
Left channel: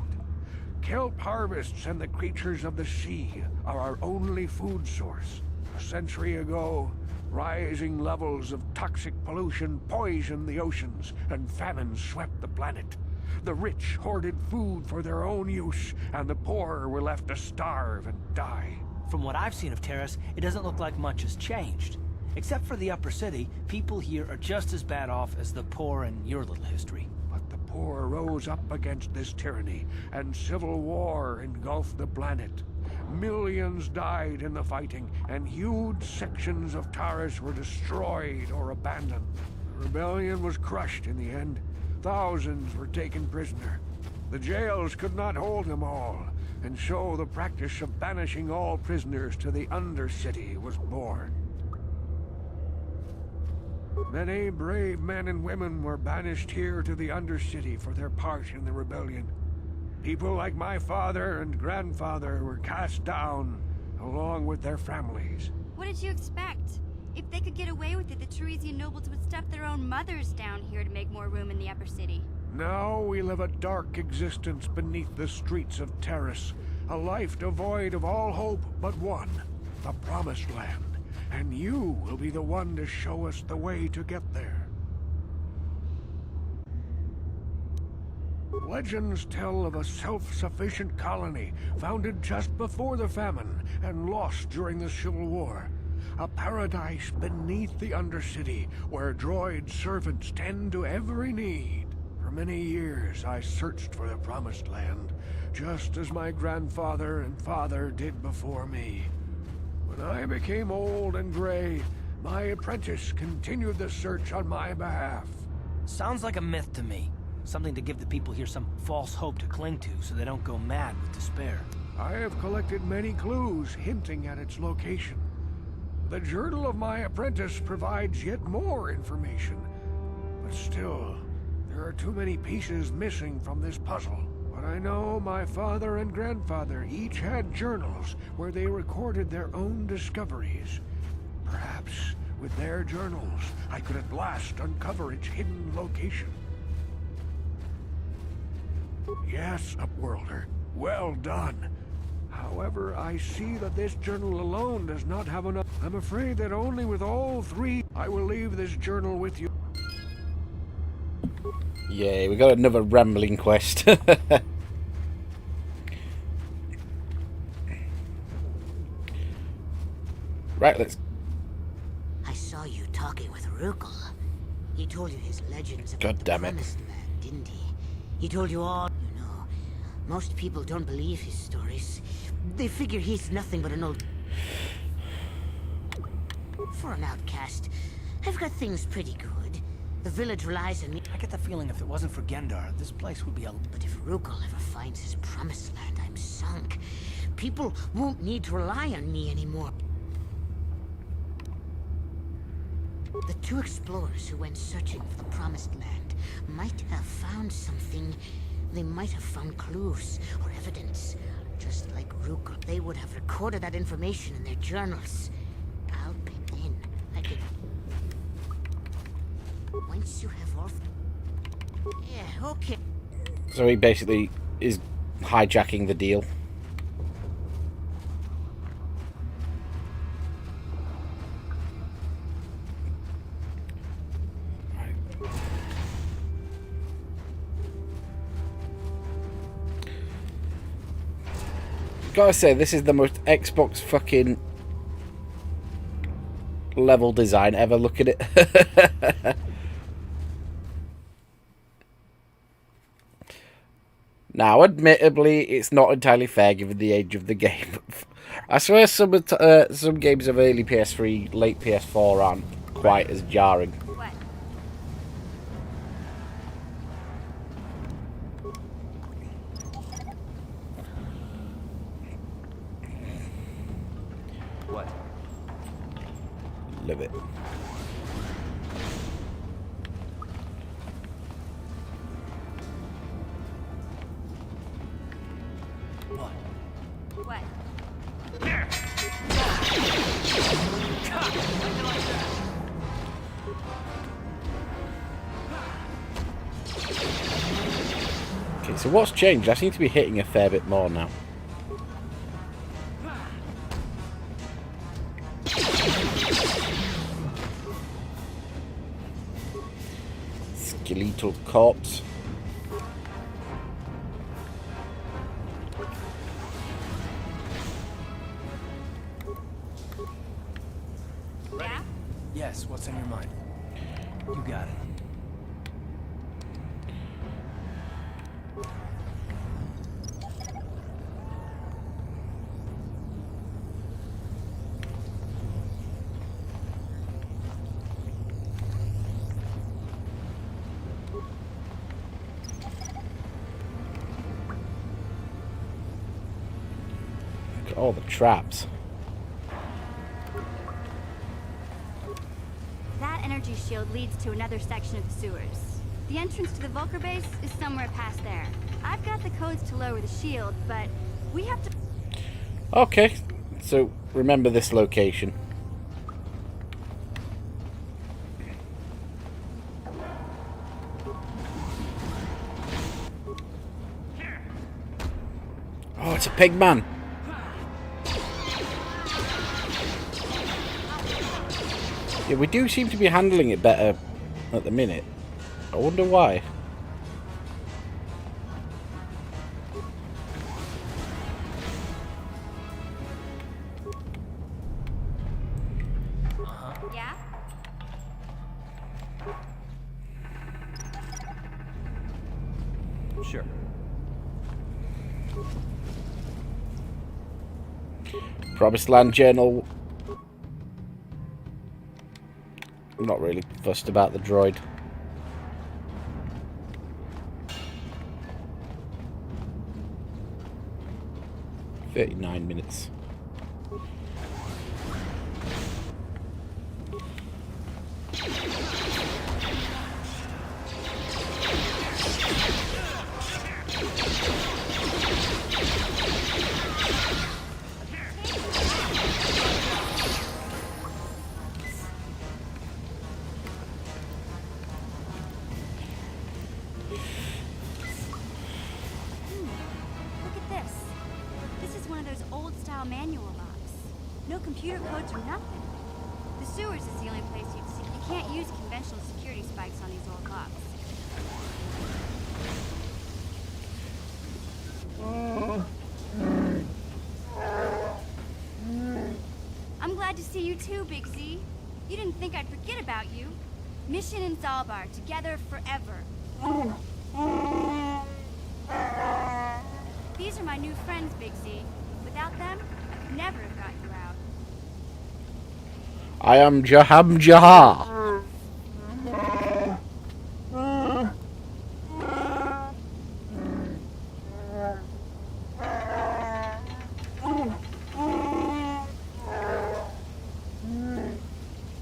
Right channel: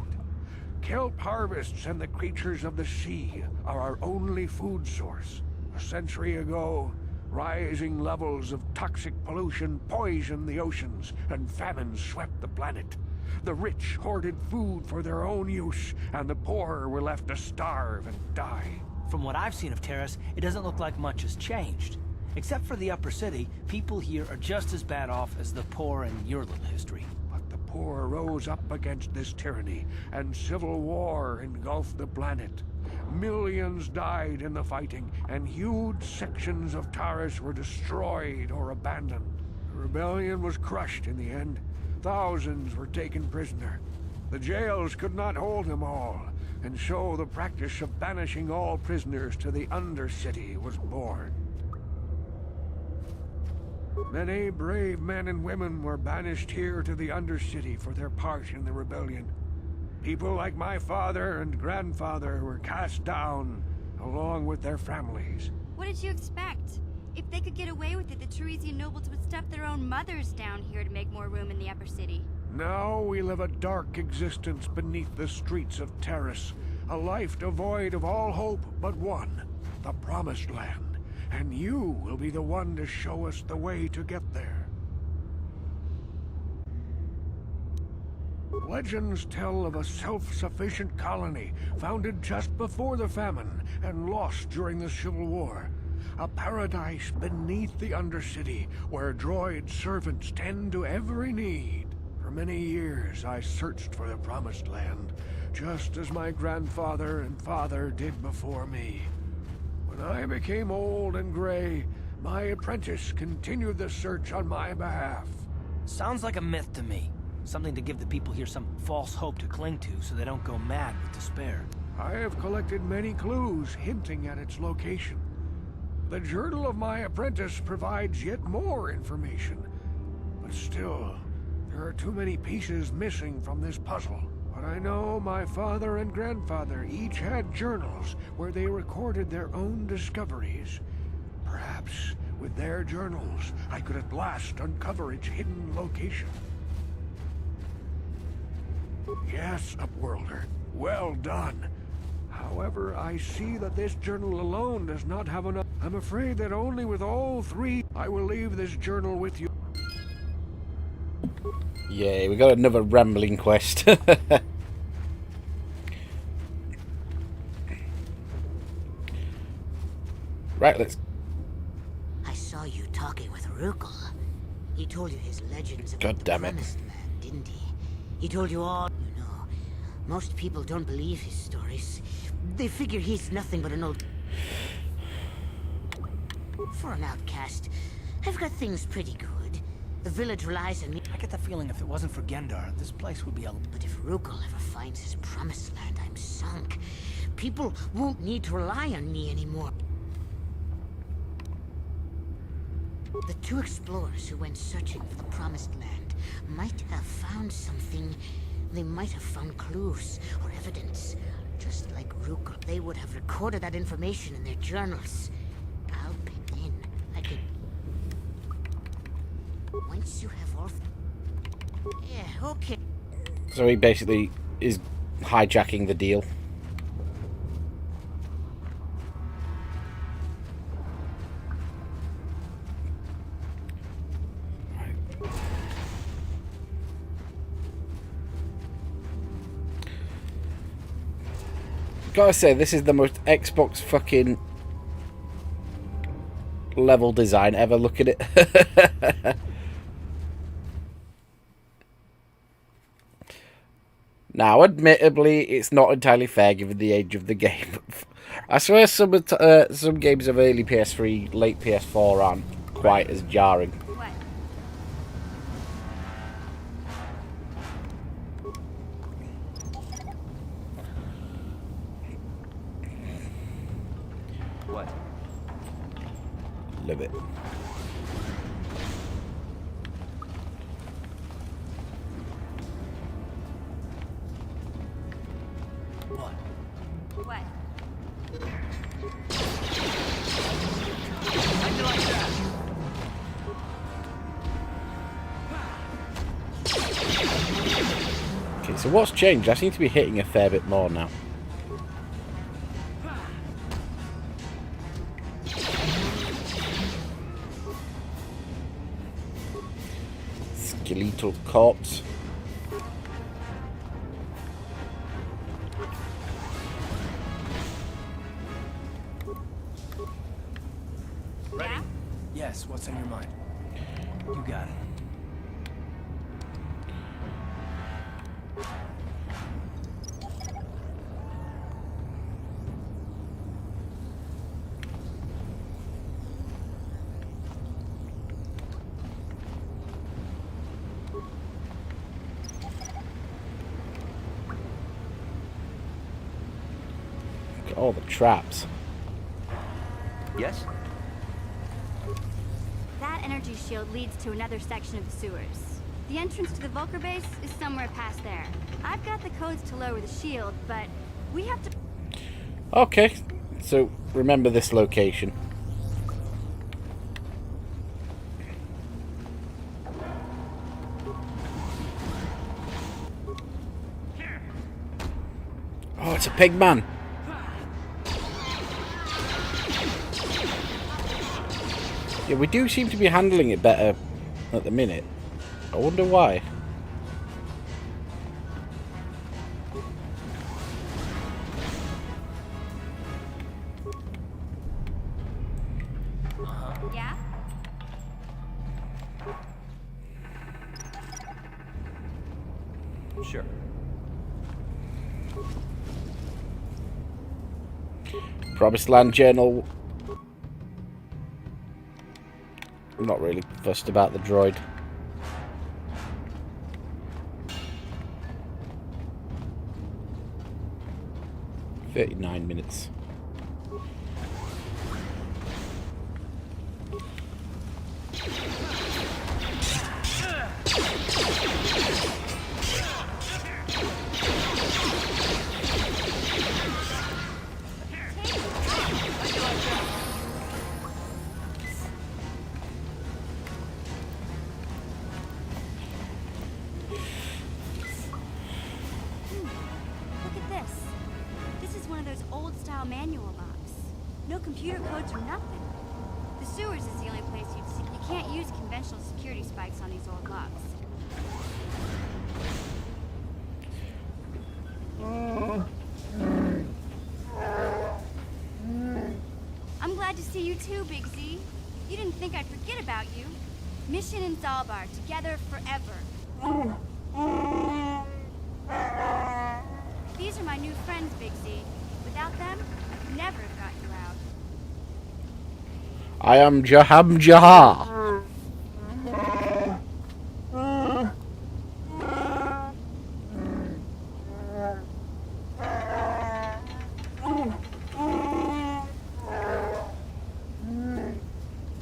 Kelp harvests and the creatures of the sea are our only food source. A century ago, rising levels of toxic pollution poisoned the oceans, and famine swept the planet. The rich hoarded food for their own use, and the poor were left to starve and die. From what I've seen of Taris, it doesn't look like much has changed. Except for the upper city, people here are just as bad off as the poor in your little history. But the poor rose up against this tyranny, and civil war engulfed the planet. Millions died in the fighting, and huge sections of Taris were destroyed or abandoned. The rebellion was crushed in the end. Thousands were taken prisoner. The jails could not hold them all, and so the practice of banishing all prisoners to the Undercity was born. Many brave men and women were banished here to the Undercity for their part in the rebellion. People like my father and grandfather were cast down, along with their families. What did you expect? If they could get away with it, the Teresian nobles would stuff their own mothers down here to make more room in the upper city. Now we live a dark existence beneath the streets of Taris, a life devoid of all hope but one, the Promised Land. And you will be the one to show us the way to get there. Legends tell of a self-sufficient colony founded just before the famine and lost during the Civil War. A paradise beneath the Undercity where droid servants tend to every need. For many years I searched for the Promised Land, just as my grandfather and father did before me. When I became old and gray, my apprentice continued the search on my behalf. Sounds like a myth to me. Something to give the people here some false hope to cling to so they don't go mad with despair. I have collected many clues hinting at its location. The journal of my apprentice provides yet more information. But still, there are too many pieces missing from this puzzle. But I know my father and grandfather each had journals where they recorded their own discoveries. Perhaps with their journals, I could at last uncover its hidden location. Yes, Upworlder. Well done. However, I see that this journal alone does not have enough. I'm afraid that only with all three, I will leave this journal with you. Yeah, we got another rambling quest. Right, let's... I saw you talking with Rukel. He told you his legends about God the damn it. Promised Land, didn't he? He told you all... You know, most people don't believe his stories. They figure he's nothing but an old... For an outcast, I've got things pretty good. The village relies on me. I get the feeling if it wasn't for Gendar, this place would be a... But if Rukel ever finds his Promised Land, I'm sunk. People won't need to rely on me anymore. The two explorers who went searching for the Promised Land might have found something. They might have found clues or evidence. Just like Rukel, they would have recorded that information in their journals. I'll pick in. I can... Once you have all... Yeah, okay. So he basically is hijacking the deal. Gotta say, this is the most Xbox fucking level design ever. Look at it. Now, admittedly, it's not entirely fair given the age of the game. I swear some games of early PS3, late PS4 aren't quite as jarring. What? What? Love it. What? What? How'd you like that? Okay, so what's changed? I seem to be hitting a fair bit more now. Skeletal corpse. Ready? Yeah? Yes, what's on your mind? You got it. Look at all the traps. Yes? That energy shield leads to another section of the sewers. The entrance to the Vulkar base is somewhere past there. I've got the codes to lower the shield, but we have to... Okay, so remember this location. Oh, it's a pig man. Yeah, we do seem to be handling it better at the minute. I wonder why. Yeah? Sure. Promised Land Journal. I'm not really fussed about the droid. "39 minutes. telltale manual locks. No computer codes or nothing. The sewers is the only place you'd see. You can't use conventional security spikes on these old locks. I'm glad to see you too, Big Z. You didn't think I'd forget about you. Mission in Zalbar, together forever. These are my new friends, Big Z. Without them, I could never have got you out. I am Jaham Jahar.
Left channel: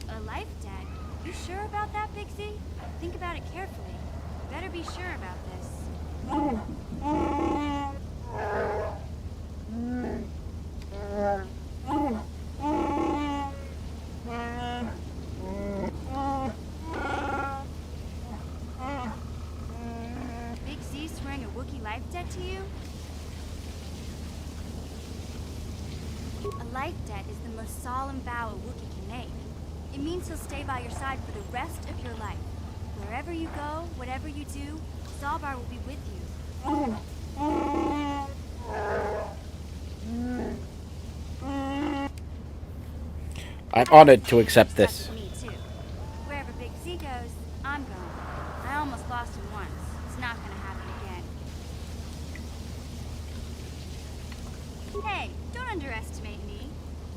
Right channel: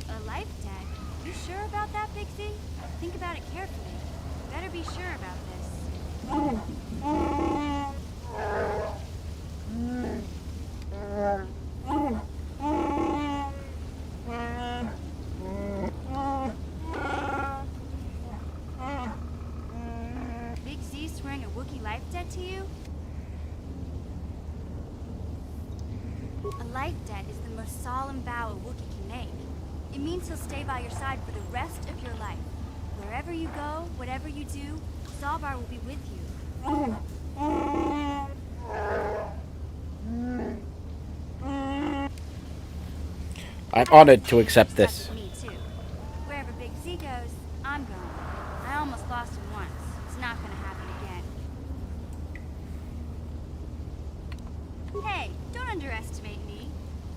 A life debt? You sure about that, Big Z? Think about it carefully. Better be sure about this. Big Z swearing a Wookiee life debt to you? A life debt is the most solemn vow a Wookiee can make. It means he'll stay by your side for the rest of your life. Wherever you go, whatever you do, Zalbar will be with you. I'm honored to accept this. Me too. Wherever Big Z goes, I'm going. I almost lost him once. It's not gonna happen again. Hey, don't underestimate me.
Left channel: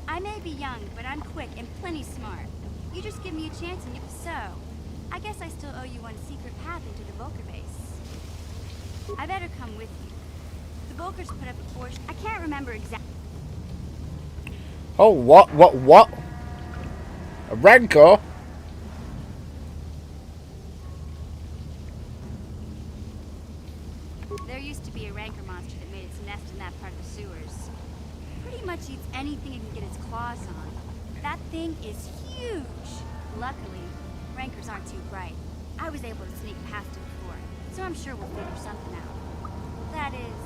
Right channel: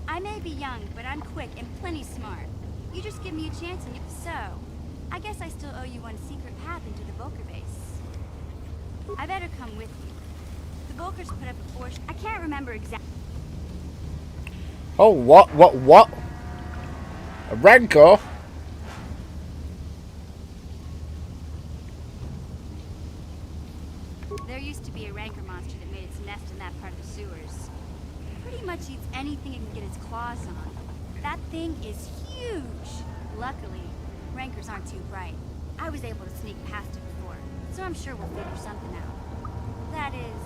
I may be young, but I'm quick and plenty smart. You just give me a chance and so, I guess I still owe you one secret path into the Vulkar base. I better come with you. The Vulkars put up a force. I can't remember exactly. Oh, what? A Rancor? There used to be a rancor monster that made its nest in that part of the sewers. Pretty much eats anything it can get its claws on. That thing is huge! Luckily, rancors aren't too bright. I was able to sneak past it before, so I'm sure we'll figure something out. That is...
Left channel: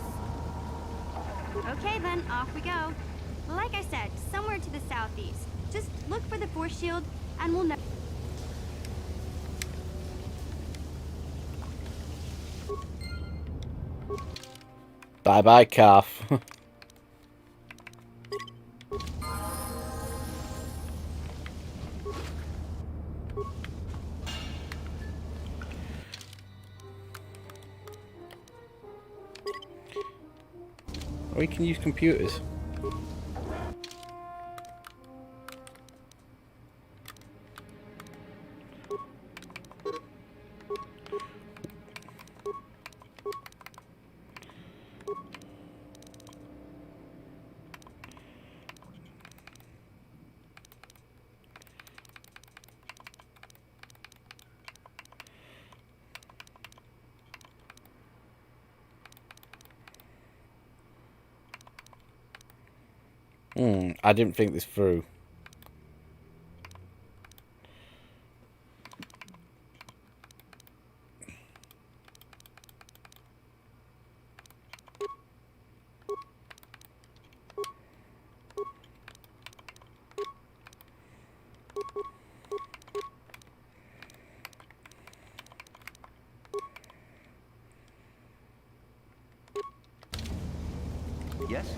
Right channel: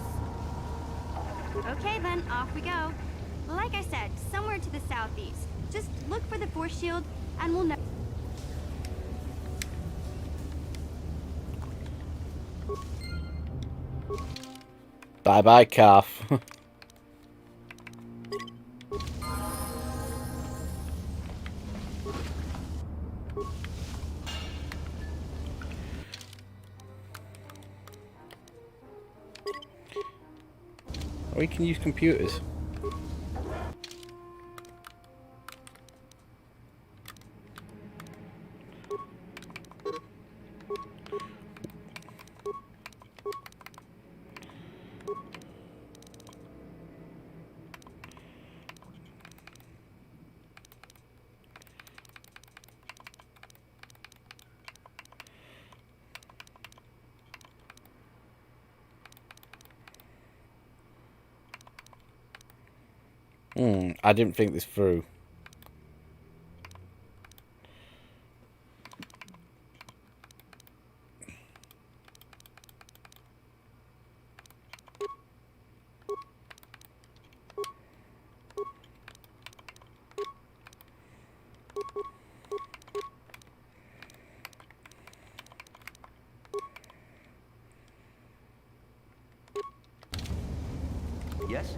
Okay then, off we go. Like I said, somewhere to the southeast. Just look for the force shield, and we'll know. Bye-bye, calf. We can use computers. I didn't think this through. Yes?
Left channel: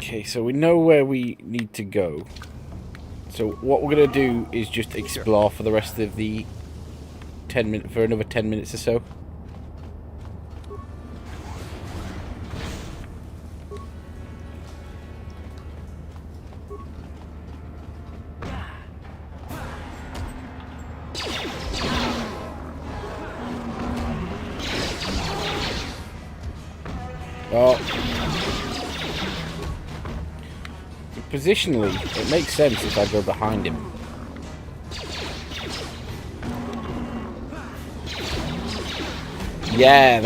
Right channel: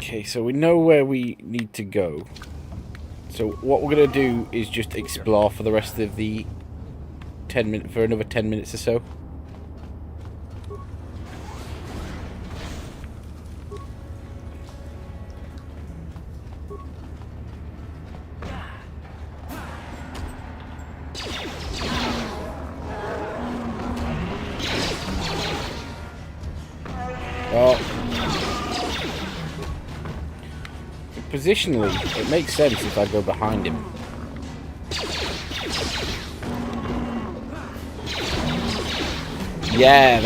Okay, so we know where we need to go. So what we're going to do is just explore for the rest of the 10 minutes, for another 10 minutes or so. Positionally, it makes sense if I go behind him. Yeah,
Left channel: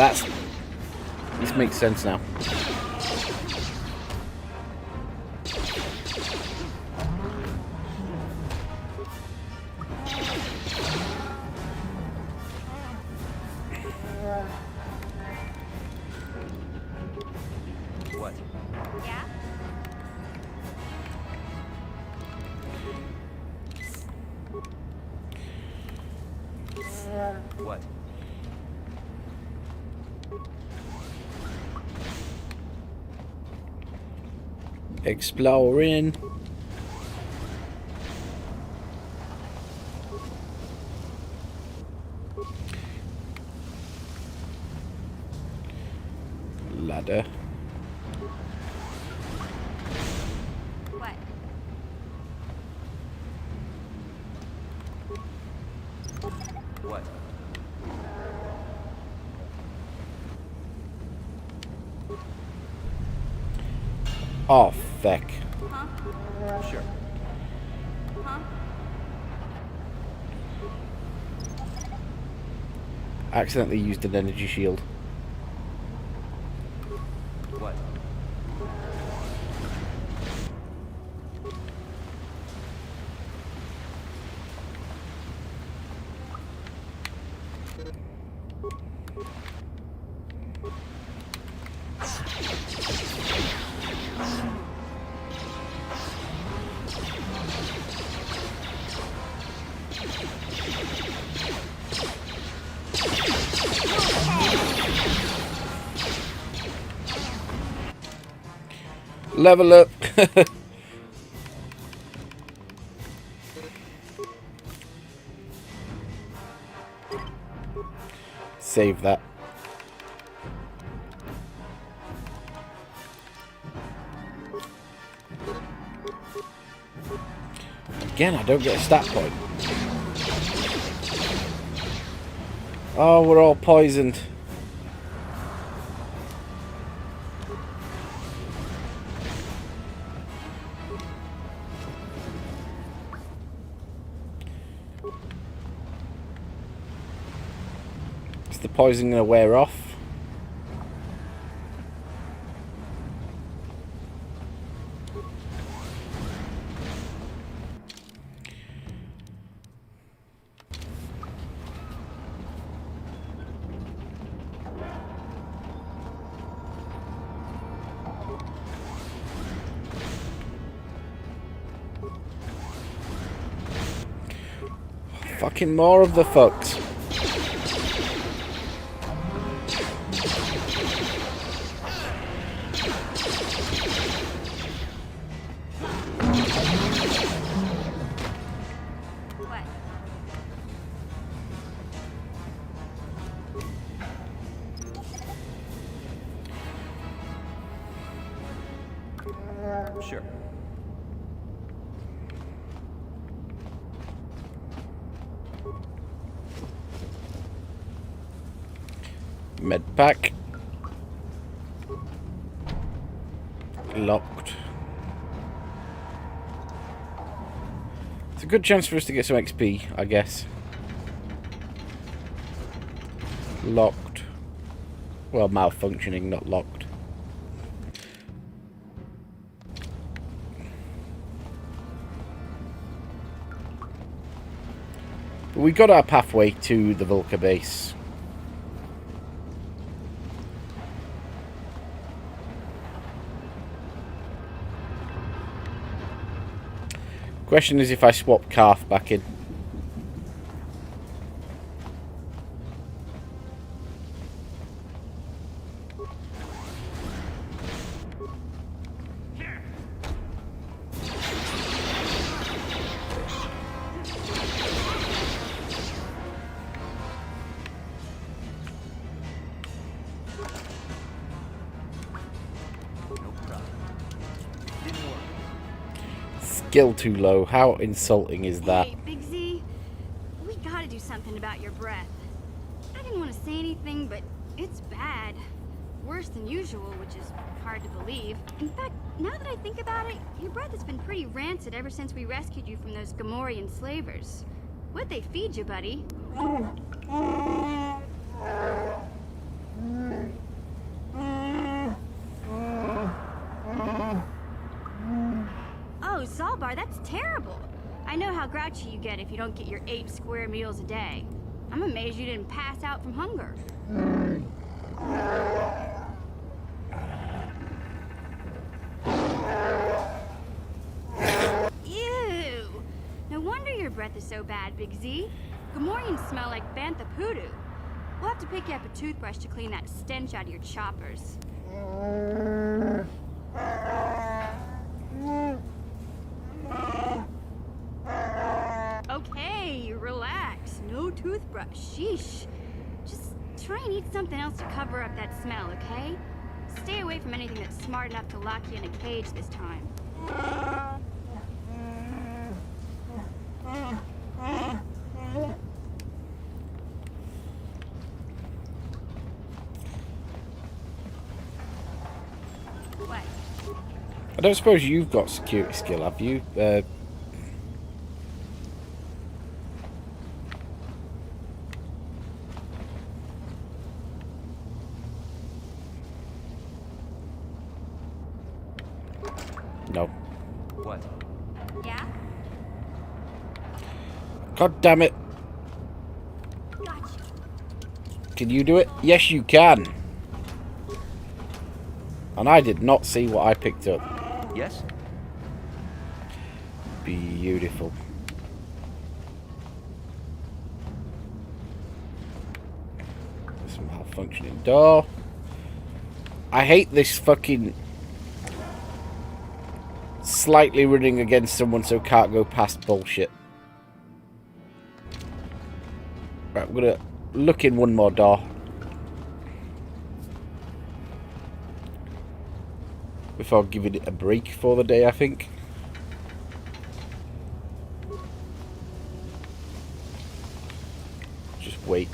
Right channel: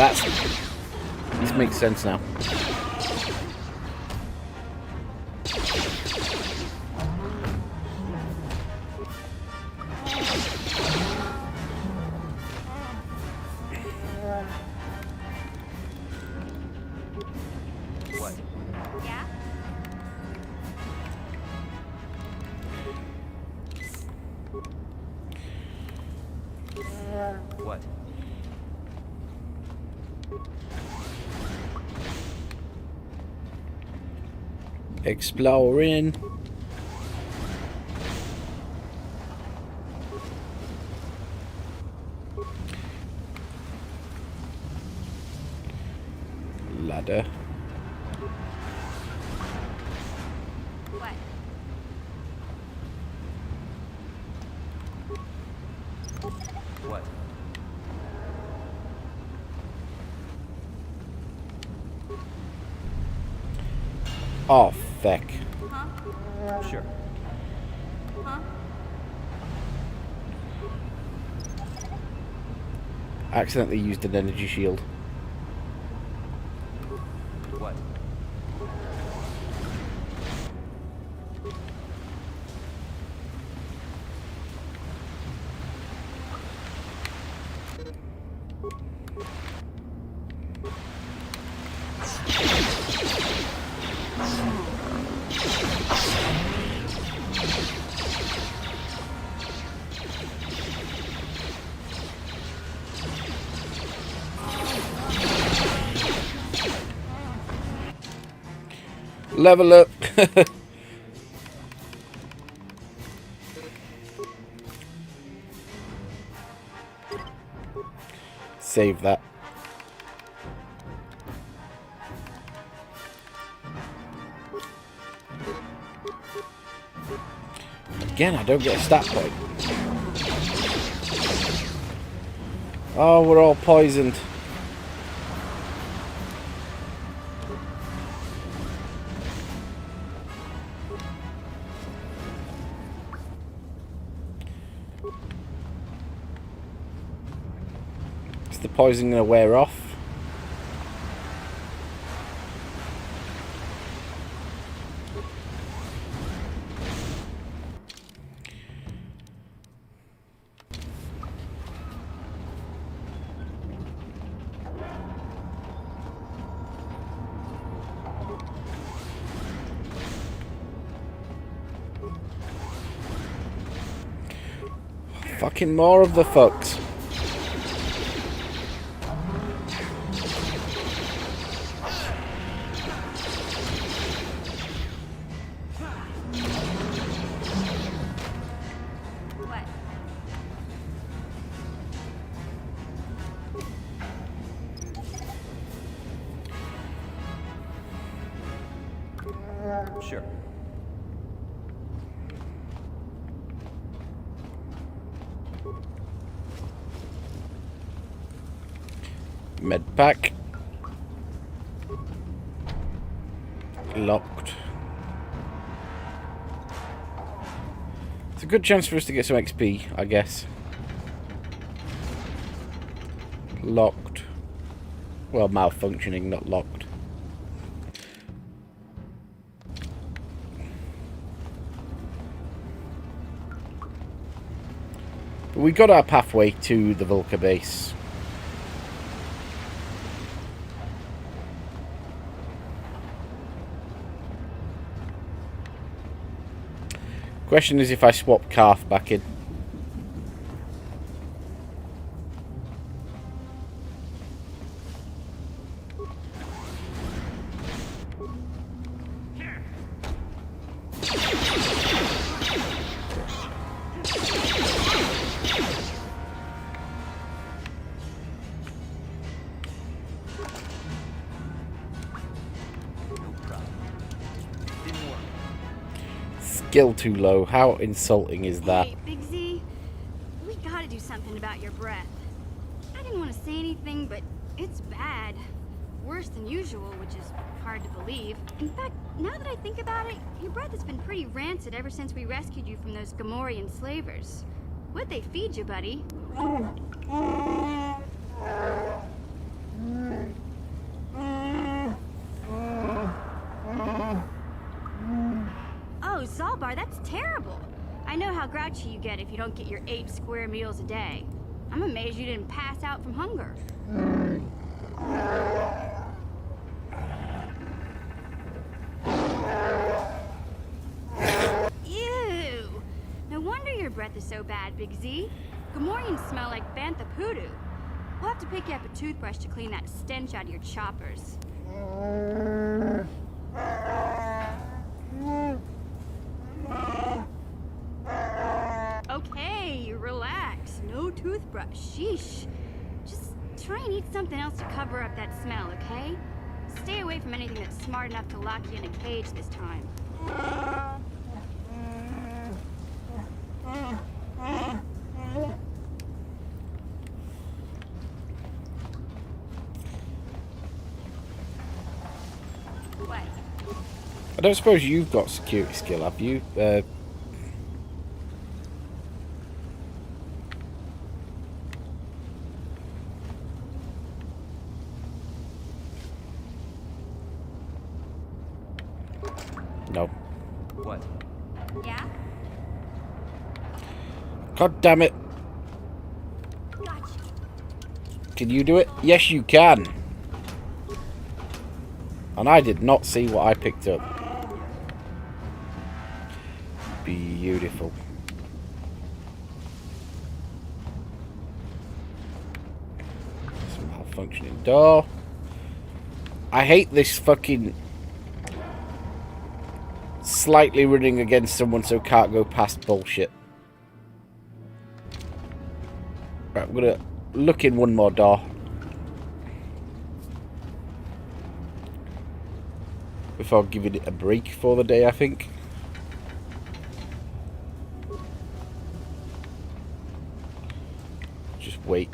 this makes sense now. What? Yeah? What? Exploring. Ladder. What? What? Oh, feck. Huh? Sure. Huh? Accidentally used an energy shield. What? Level up. Save that. Again, I don't get a stat point. Oh, we're all poisoned. Is the poison going to wear off? Fucking more of the fucks. What? Sure. Med pack. Locked. It's a good chance for us to get some XP, I guess. Locked. Well, malfunctioning, not locked. But we got our pathway to the Vulkar base. Question is if I swap Calf back in. No problem. Didn't work. Skill too low. How insulting is that? Hey, Big Z, we gotta do something about your breath. I didn't want to say anything, but it's bad. Worse than usual, which is hard to believe. In fact, now that I think about it, your breath has been pretty rancid ever since we rescued you from those Gamorrean slavers. What'd they feed you, buddy? Oh, Zalbar, that's terrible. I know how grouchy you get if you don't get your 8 square meals a day. I'm amazed you didn't pass out from hunger. breath is so bad, Big Z. Gamorreans smell like bantha poodoo. We'll have to pick you up a toothbrush to clean that stench out of your choppers. Okay, relax. No toothbrush. Sheesh. Just try and eat something else to cover up that smell, okay? Stay away from anything that's smart enough to lock you in a cage this time. What? I don't suppose you've got security skill, have you? No. What? Yeah? God damn it. Gotcha. Can you do it? Yes, you can. And I did not see what I picked up. Yes? Beautiful. Some malfunctioning door. I hate this fucking slightly running against someone so can't go past bullshit. Right, we're gonna look in one more door before giving it a break for the day, I think. Just wait.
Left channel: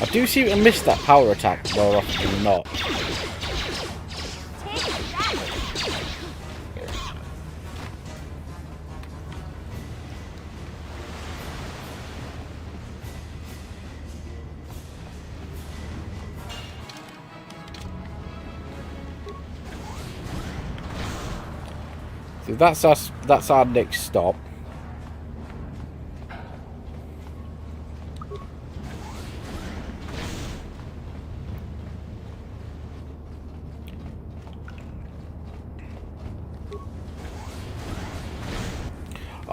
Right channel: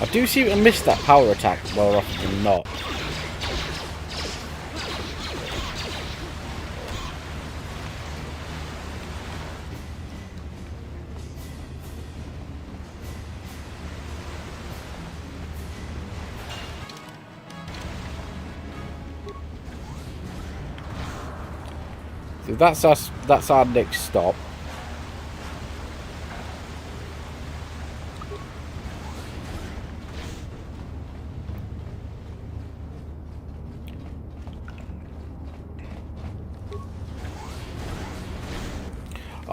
I do seem to miss that power attack more often than not. So that's us. That's our next stop.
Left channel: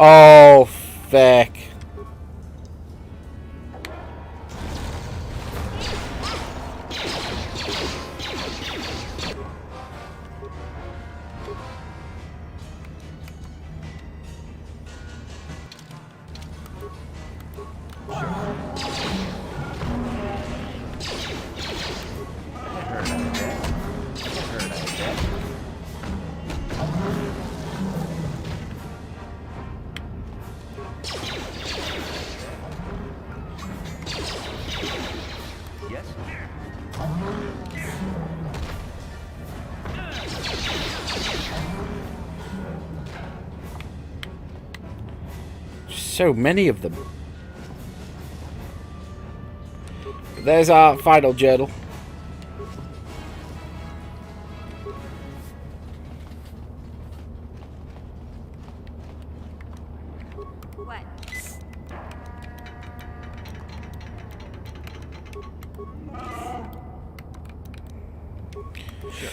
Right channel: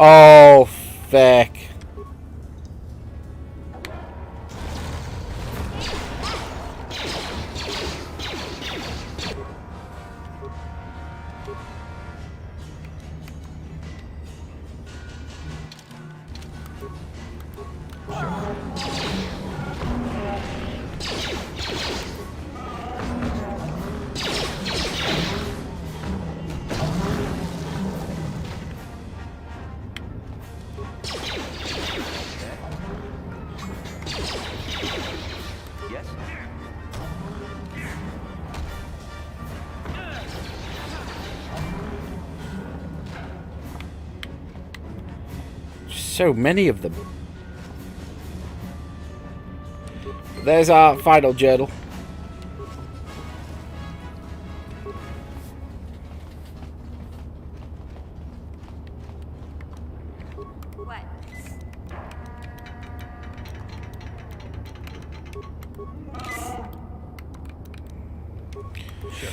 Oh, fuck. Yes? So many of them. There's our final journal. What? Sure.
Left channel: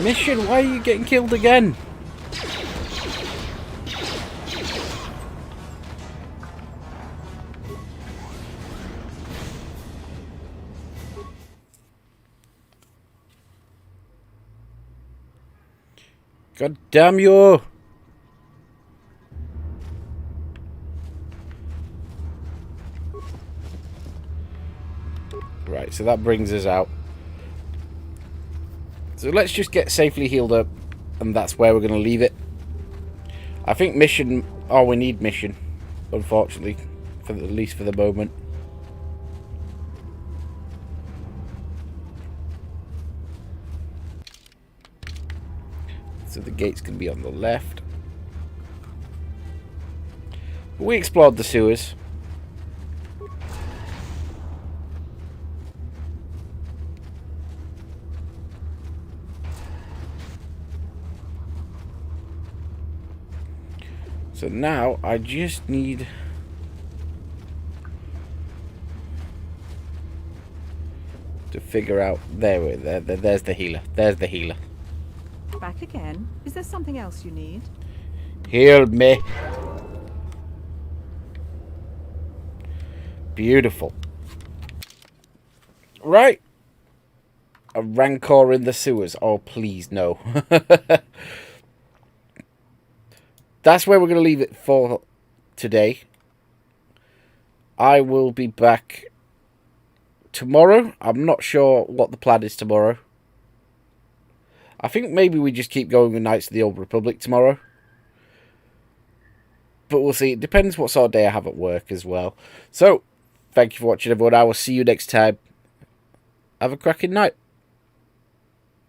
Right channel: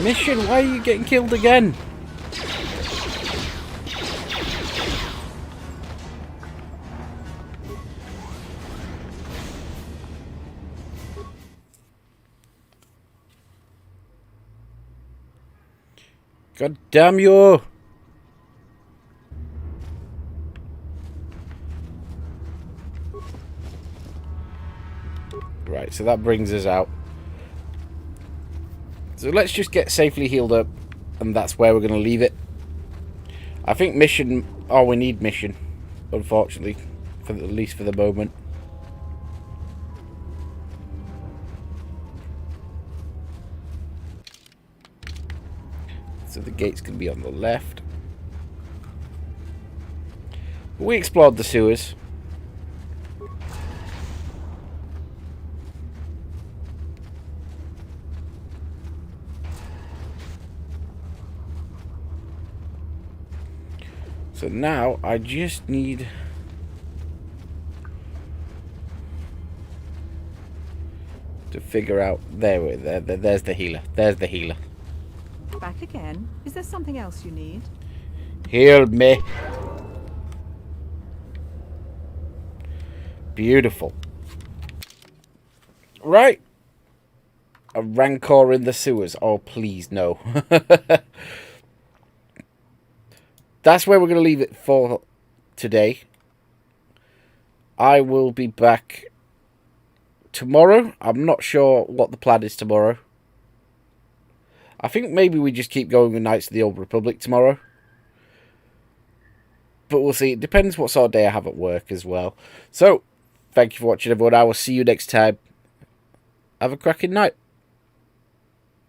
Mission, why are you getting killed again? God damn you! Right, so that brings us out. So let's just get safely healed up, and that's where we're going to leave it. I think mission... Oh, we need mission, unfortunately, at least for the moment. So the gate's going to be on the left. We explored the sewers. So now I just need to figure out there's the healer. There's the healer. Back again? Is there something else you need? Heal me. Beautiful. Right. A rancor in the sewers. Oh, please, no. That's where we're going to leave it for today. I will be back tomorrow. I'm not sure what the plan is tomorrow. I think maybe we just keep going with Knights of the Old Republic tomorrow. But we'll see. It depends what sort of day I have at work as well. So, thank you for watching, everyone. I will see you next time. Have a cracking night.